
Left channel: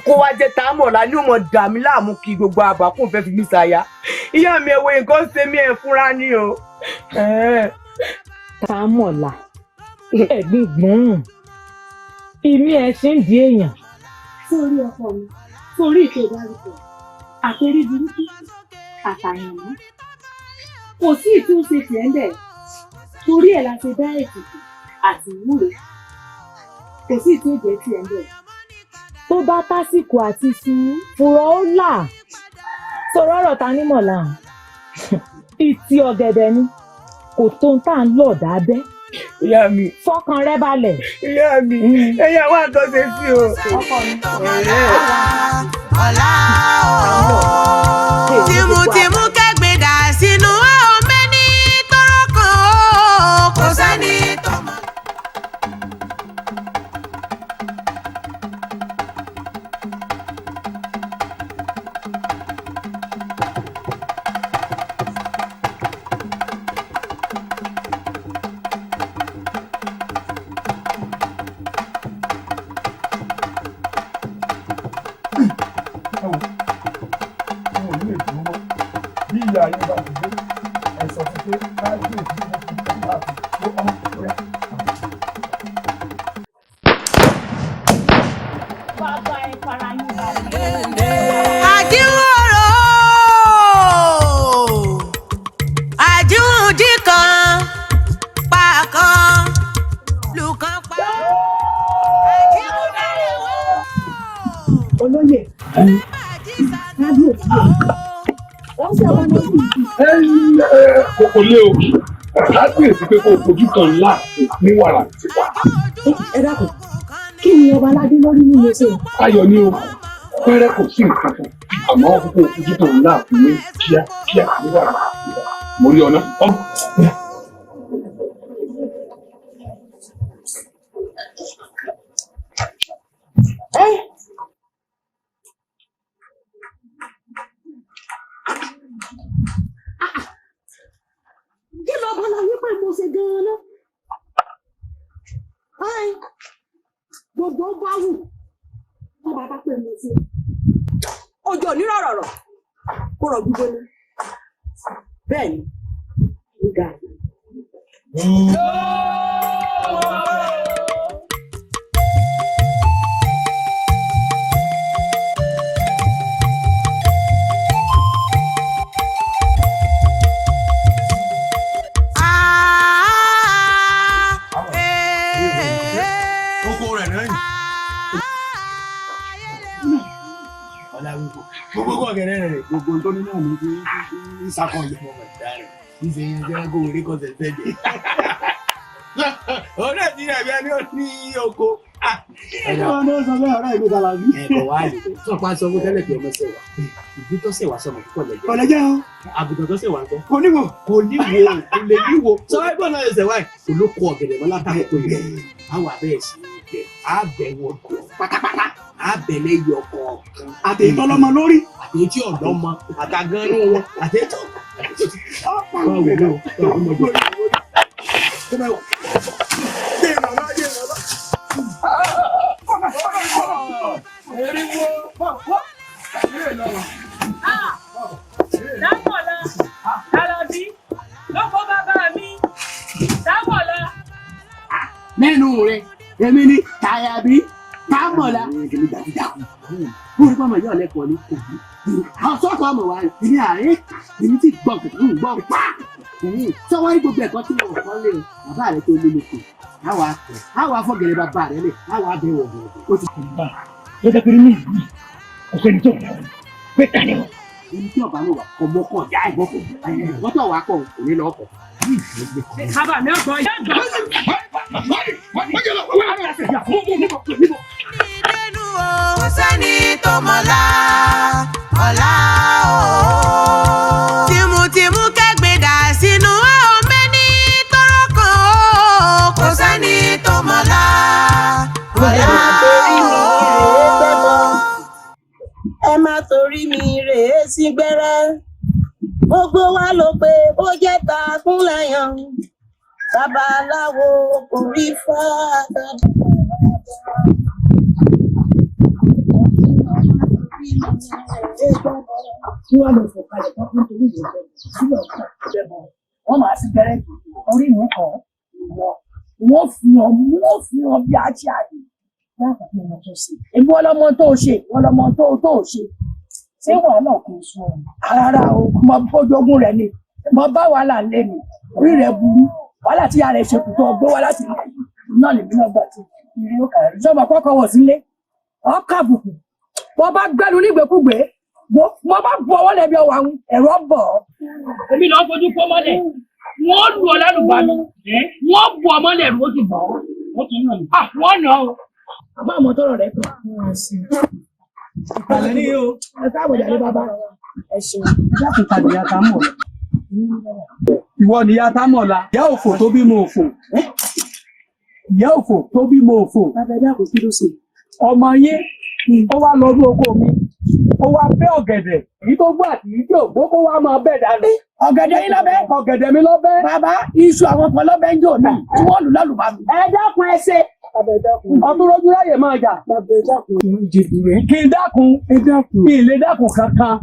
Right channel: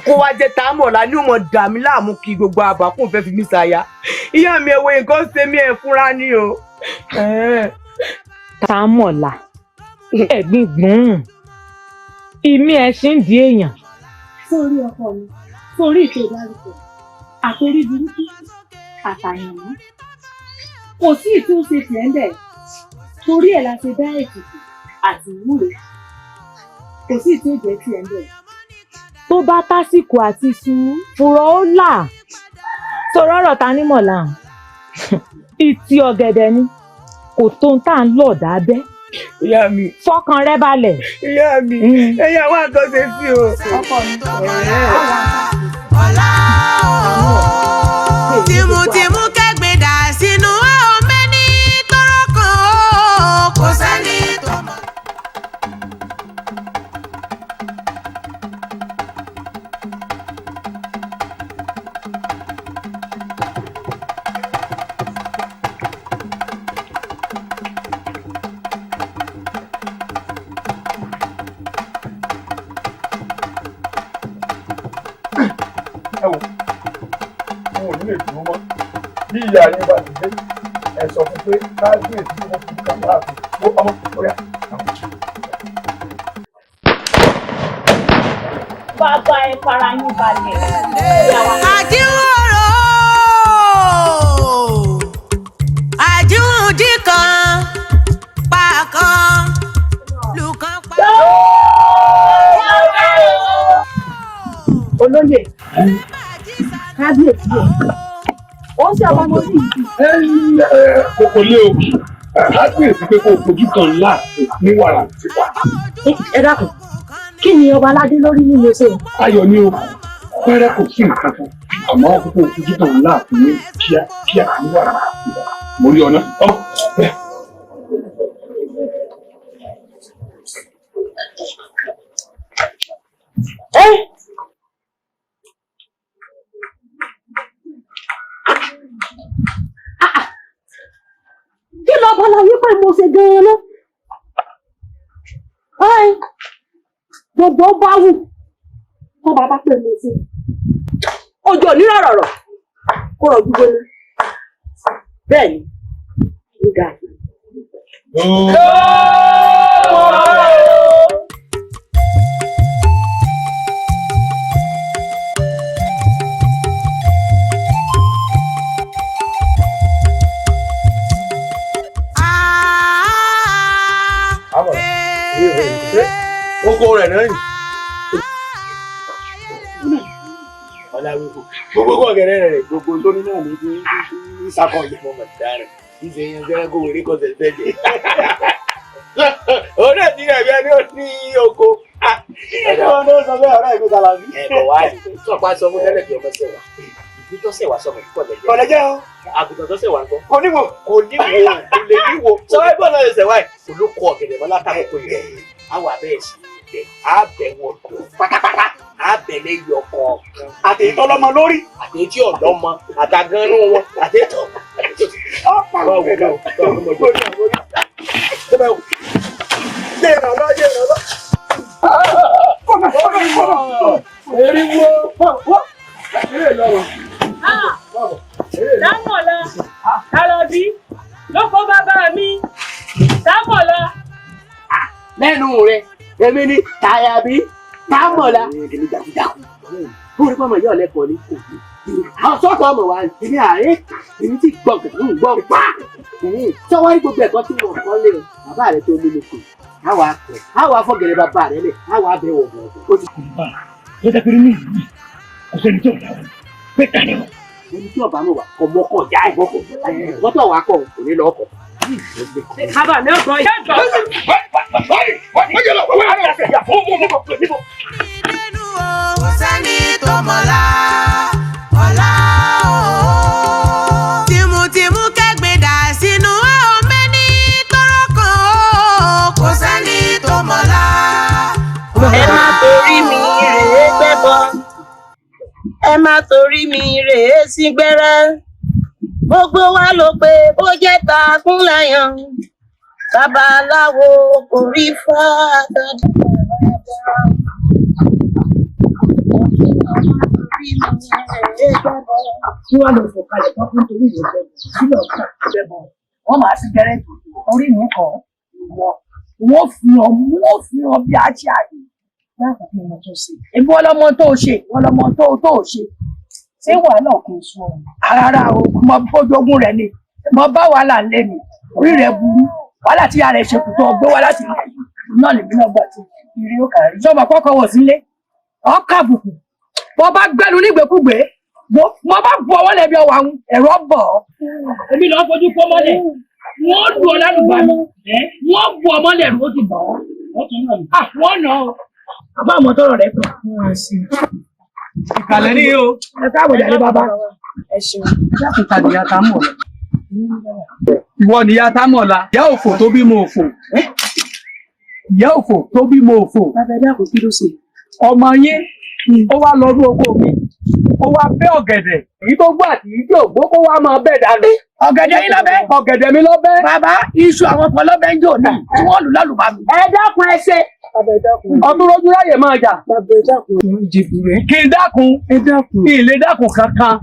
Kó wá jẹ́ Támọ̀lá ní ọmọ dà mí láàmú kí gbogbo àbákùn fẹ́ fi mí ṣaya. Ìyá mi ẹ̀wọ̀ nǹkan ṣe mí ẹ̀ fúnra ní o. Támọ̀lá, ẹ̀gbin gbùn. Ìmí ẹ̀ ṣì ń di èèyàn. Sórí ọkọ mi, sórí ìtò ìdárúkọ, àtorí burúkú, àtàyànmọ́. Kò sí ìtúnṣe tiẹ̀ ń bẹ̀. Torí ẹ̀ la ṣe dá ètùtù àti ìwúre. Kò sí ìtúnṣe tiẹ̀ ń bẹ̀. Tó bá tásìkò àti sùn fúrọ́ ó là. Sọ̀rọ̀ ọ̀rọ̀ Tanímọ̀lá. Ìtì ọ̀gẹ̀dẹ̀ ni. Kò tó ń tà ń lọ̀ dábẹ́. Ìyá mi. Fọkàn rẹ balẹ̀. Ìyá mi. Ẹ̀yin àwọn àtọ́sẹ̀ sí o. Ọkọ mi. Tìmùtìmù kẹ́gbìn dà sínú ọmọ ní tọrọ kan ó kò sẹ́ni tó mọ̀. Bí ìyá yín bá ti dé, ẹ sọ fún pé káàdì èsì ló fi kàkà ló ọmọ kòkòrò. Bàbá ẹ fara yín balẹ̀. Àjíwòrò àjíwòdì kan pa kan lùkàn pa. Olóyè, kábíyèsí o. Ó ṣe àwọn ọmọ sí ìlú. Kò lé o, kábíyèsí pé kó o fojú kan ńlá ní wàrà tipa. Ẹ dákun, kí ni ọba aládé lórí nínú ṣe? Ayọ̀ ni o, pẹ́rẹ́ kò sí nǹkan kan, àmọ́ kókó fojú kan ńlá ní kíákíá ní wàrà tipa. Mo rí ọ̀nà. Kí ló bá láyé pé mo ṣe gan-an lọ? Gbogbo bá wù kó bàbá pè mo ṣe. Ojú onírọ̀ rọ̀rọ̀ kó rọ̀ gbígbóná. Bẹ́ẹ̀ ni, ó ga. Oko rẹ̀ náà yìí. Gbogbo ọ̀gẹ̀rẹ̀ rẹ̀ gbogbo tó ní náà ní kí ń sakọ̀ ìyẹ̀mọ̀ mọ̀tá rẹ̀ kí ṣe yan jẹ́rẹ́ kó wèrè kọ́sẹ̀ tẹ́lẹ̀. Òun náà ti rẹ̀ bí ẹni ó ní oko. Ọ̀nà sọ bẹ́ẹ̀ ọ̀rẹ́ mi kàlà bí. Ẹ̀kọ́ wa lè tí wọ́n pa sọ fún tẹ́lẹ̀ kí ọmọ ṣẹ̀wà. Ìdí tó ṣẹ̀wà sọmọ kíkọ̀ lẹ́jọ́. Kọ̀lẹ́jẹ́ o. Àgùntàn tó ṣẹ̀wà ń kọ́. Kò níwò. Kò lè níwò. Sọ́wọ́ ẹgbẹ́ náà lè ṣẹ̀wà ẹ̀. Olóko ọ̀gẹ̀dẹ̀ mọ́lá káàkó yẹ. Àwọn abẹ́ẹ̀ sí ibẹ̀. Àbẹ̀wò pátápátá. Àbẹ̀lẹ̀ yọ kọ̀ọ̀kan. Àtẹ̀yìntọ́ lọ́mọ lórí. Àtẹ̀yìntí ọ̀dọ́mọ. Àtàgánú wọn. Àtẹ̀yìntọ́. Dámọ̀lá, Àlọ́bí, lóko bàbá mi, Dámọ̀lá. Mẹ́nu rẹ̀, èmi ni Tàyàbí, Dámọ̀lá. Èmi dàkúdàkú. Bórí pọ́nmọ̀ yóò lẹ́kọ̀ọ́ ní kò ní. Àwọn sọ́kọ̀ ọmọ wa ní àárẹ̀, èmi ti gbọ́ gbọ́ pa. Sọ́wọ́ ní gbogbo ẹ̀kọ́ tí wọ́n kọ́ lé bàbá rẹ̀ tó lé lóko. Àwa akọ̀, àwa afọ́gẹ̀rẹ̀ bàbá rẹ̀ lẹ̀, àwa abẹ́wọ̀ ọ̀gbọ̀n. Ó ti kùn bá. Tó jẹ́ pé ní ìlú kò sẹ́ni tó dáa pé ká ní wọn. Ẹni tí ọba náà wà ọmọ kọ já ìbọkọ wọ́n tó wà kọ òní lọ kọ. Bàbá mi ò gbọ́ yẹ́ jọ. Ìdẹ́nu o, sẹ́ni tó mọ̀lá, ọ̀la o. Tìmùtìmù kẹ́gbẹ́ dà sínú ọmọ ní tọrọ kan o, kò sẹ́ni tó mọ̀lá. Ẹ má torí mi rèé gbẹ́bọ, ẹ má torí mi rèé sí gbẹ́rẹ́. Gbogbo wa ló pé bó jẹ́ ta kúnlẹ̀yàn, babaláwo kò rí fáadà. Tí wọ́n lọ fọ̀kalẹ̀ tán fún torí ìwé bẹ̀rẹ̀ sílẹ̀ ọ̀tá bẹ̀rẹ̀ wọ́n máa sí gẹ́rẹ́ orí mi kàn wọ́n fi hàn bí a ṣe àyè láti fi ọmọ tó ṣe. Ebi wọ́n lọ́mọ tó ṣe wọ́n lọ́mọ tó ṣe. Ṣé wàhálà kò sún ọ? Rárá o, mo bójogún rẹ ni mo bá wàhálà lé mi orí rẹ burú wàhálà tí ara ẹ ṣe kù tó gbé wá láti ilẹ̀ náà lèmi náà gbà tí ìrì ó kàrí. Sọ́mọ kọ́kọ́ wọ̀ sílé ọkà àbùkù mo bá gbẹ́nu nígbèkúgbè mo bá bu ọwọ́ lẹ́bi ọwọ́ àwọn ẹ̀rọ bọ̀ ọ́. Èmi lọ fojú kó mọ́lẹ̀, wọ́n lu ọ lálùbami, wọ́n bu ọmọ lẹ́rù ó ti bọ̀ ọ́. Wọ́n nà ọ́. Àbá àmọ́ tọrọ rẹ kàn. Ìkàlẹ̀ ní o. Ẹ káàbọ̀ jáde bàbá. Ẹ ṣeun. Ìkà nìyá tá mọ̀ la. Ìwọ nìyá tá mọ̀ la. Ìyá òfò tó bímọ òfò. Ìyá òfò tó bímọ òfò. Bàbá ẹ̀dá kò kí ló ṣe. Ọmọ yín ó wá lọ ní oko mi. Ó wá bẹ́ ọ̀gẹ̀dẹ̀. Èyí tó gbọ́ àti èyí tí ò gbó kó wá máa bẹ̀ dànù. Ọ̀gẹ̀dẹ̀ yín lọ́bẹ̀. Ọ̀gẹ̀dẹ̀ mi lọ́bẹ̀. Bàbá iṣu àwọn kan lọ́bẹ̀ ń jò náà tí wọ́n lù lálùbami. Ẹ dákun ẹ ṣe. Ọdún lójú ráyè máa jà. Kí n dákun. Kí n lè dákun kankan.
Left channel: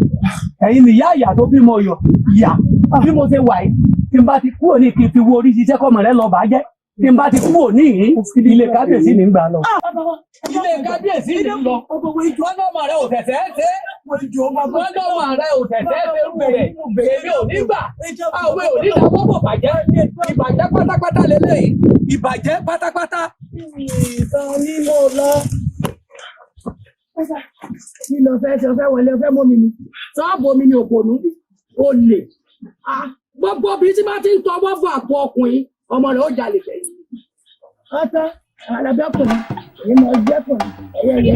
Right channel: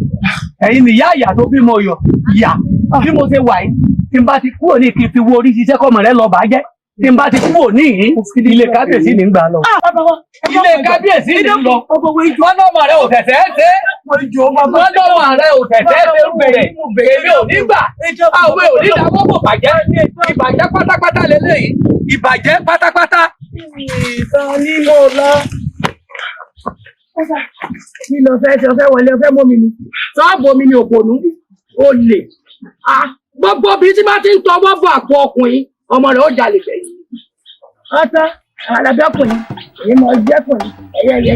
Ẹ̀yin nìyá ìyá tó bímọ yọ. Ìyá bí mo ṣe wà yìí. Tí n bá ti kúrò ní kí n fi wo orí ṣiṣẹ́ kọ́mọ rẹ lọ bàjẹ́. Tí n bá ti kúrò ní yìí. Ilé kábíyèsí ní gbà lọ. Ilé kábíyèsí ní lọ. Wọ́n lọ́mọ rẹ ò tẹ̀sẹ̀ ẹ́ ṣe. Wọ́n lọ́mọ rẹ ò tẹ̀sẹ̀ ẹ́ ṣe bẹ̀rẹ̀. Èmi ò ní gbà. Àwọn ò ní dáwọ́ bò bàjẹ́. Ìbàjẹ́ pátápátá lélẹ́yìí. Ìbàjẹ́ pátápátá. Ìtàn ní mo lọ. Kí lọ fẹ́ ṣe ọfẹ́ wọlé ọfẹ́ mọ́ mi ni? Sọ́ọ̀bù omi ni òpònú. Olè. Gbogbo obìnrin tí bá ti ń tọwọ́ bọ̀ àpò ọkùnrin, ọmọ rẹ̀ ó jalè gbẹ̀yìn. Ọ̀tá àwọn alábẹ́ ọkùnrin, èyí mọ̀ jẹ́ ọkùnrin, ẹ̀yẹ.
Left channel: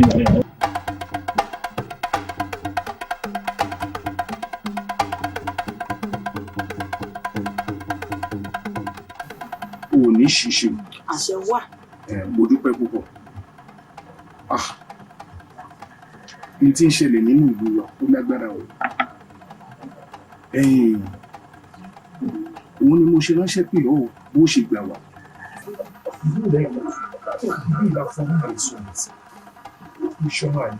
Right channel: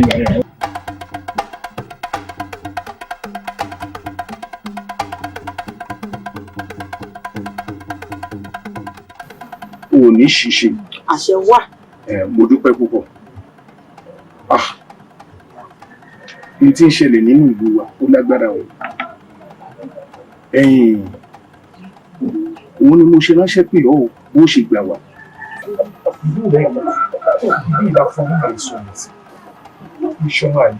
O ò ní ṣiṣẹ́. Àṣẹ wà. Mo dúpẹ́ púpọ̀. N tí ń ṣẹlẹ̀ nínú ìlú wa ó lágbára o. Òun ni mo ṣe ránṣẹ́ pé ọ́ bó ṣe gbà wá. Ìlú rẹ̀ bí ìlà fún àìsàn ìṣọ́nà àyè.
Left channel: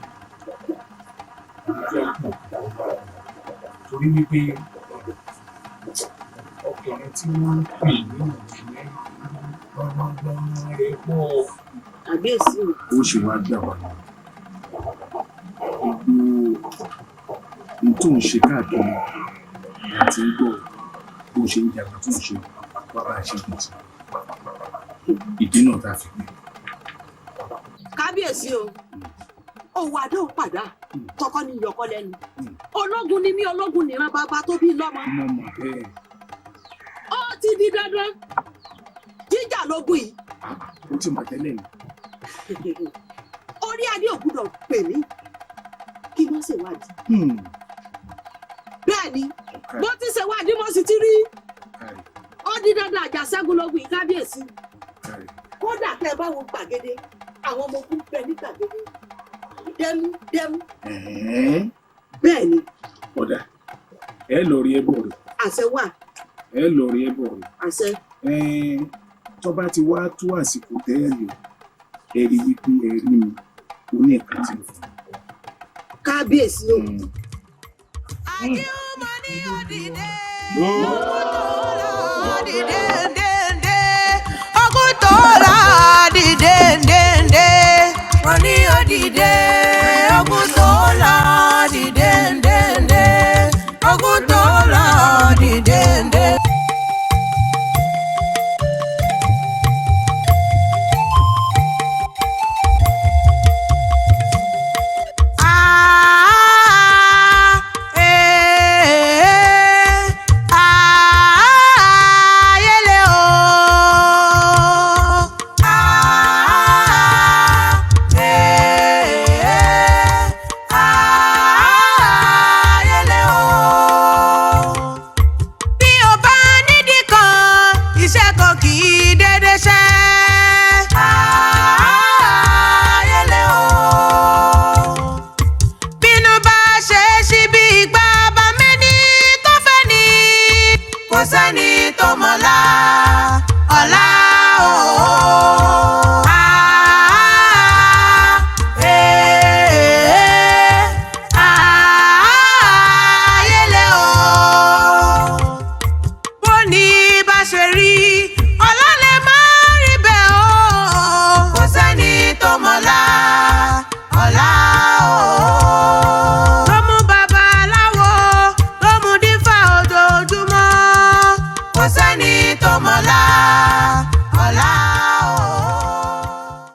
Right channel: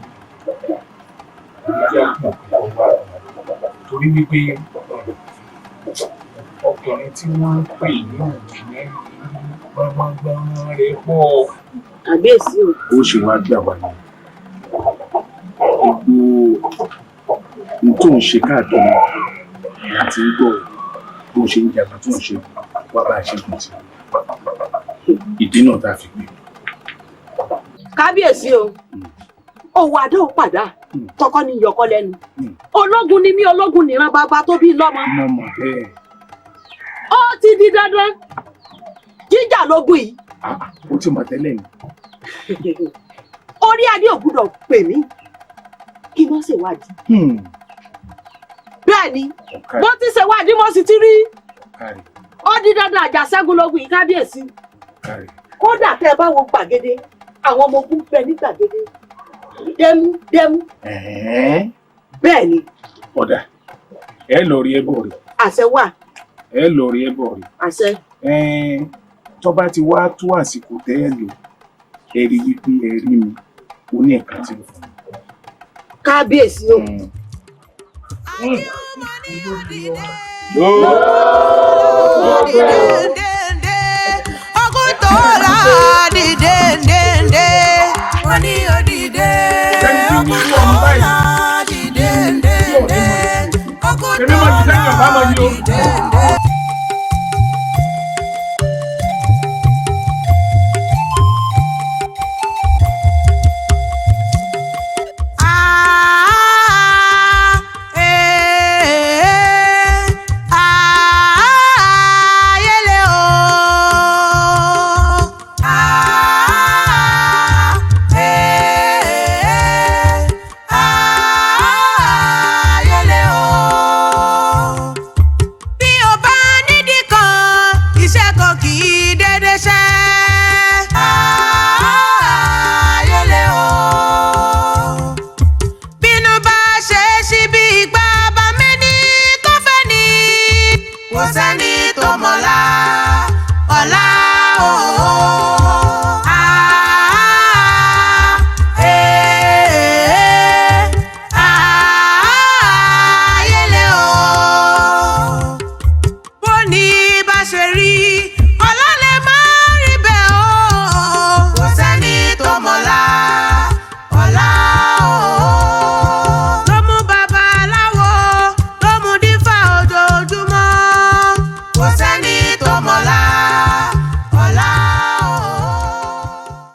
Torí wípé ọkùnrin tí wọ́n ń pè ní òjìyẹ gbọ́ngbọ́n rẹ̀ pọ̀. Àbíyèsí o. Ó ṣe wá gbà wá ní gbogbo ohun tó ń ṣe káàkiri àti ń gbọ́ bó ṣe ń jagun tó ń ṣe wá bá a ṣe kù sí. Ìdí náà tá a fi pè. Kábíyèsí o. Òwò àdó pàdá tọkọ ní yọkọ lẹ́nu. Ológun ni mí, ológun nìran bàbá tó bí lọ́mọ. Ó ti di dandan jíjà lógun yìí. Ó ti mọ̀ tẹ́lẹ̀ ni. orí adé ò gbúdọ̀ pè mí kí wọ́n ṣèwádìí. Bẹ́ẹ̀ ni bó ti ṣèwádìí mo sì ti rí ó di dandan Àjàṣẹ́gun lógun yìí kábíyèsí. Kódà tẹ́ ẹ bá wo gbàgede àwọn ọmọ ogun bẹ ní gbàgede dẹmú. Bẹ́ẹ̀ ni. Ọ̀dà ẹ lọ rí ẹbọ rẹ. Àṣẹ wà. Ẹ lọ rí ẹbọ rẹ. Àṣẹ. Tó bá ti wá tó àsìkò tẹ́ ẹ lò ẹ rí wípé ẹ rí mi ó ní ẹ̀ka tí mo fún mi. Kábíyèsí o. Ogun tó la dìde dèndé. Wọ́n ní òdìdé. Ogun tó la dìde dèndé. Ogun tó la dìde dèndé. Iṣẹ́ kan kì í dédé ṣẹ́.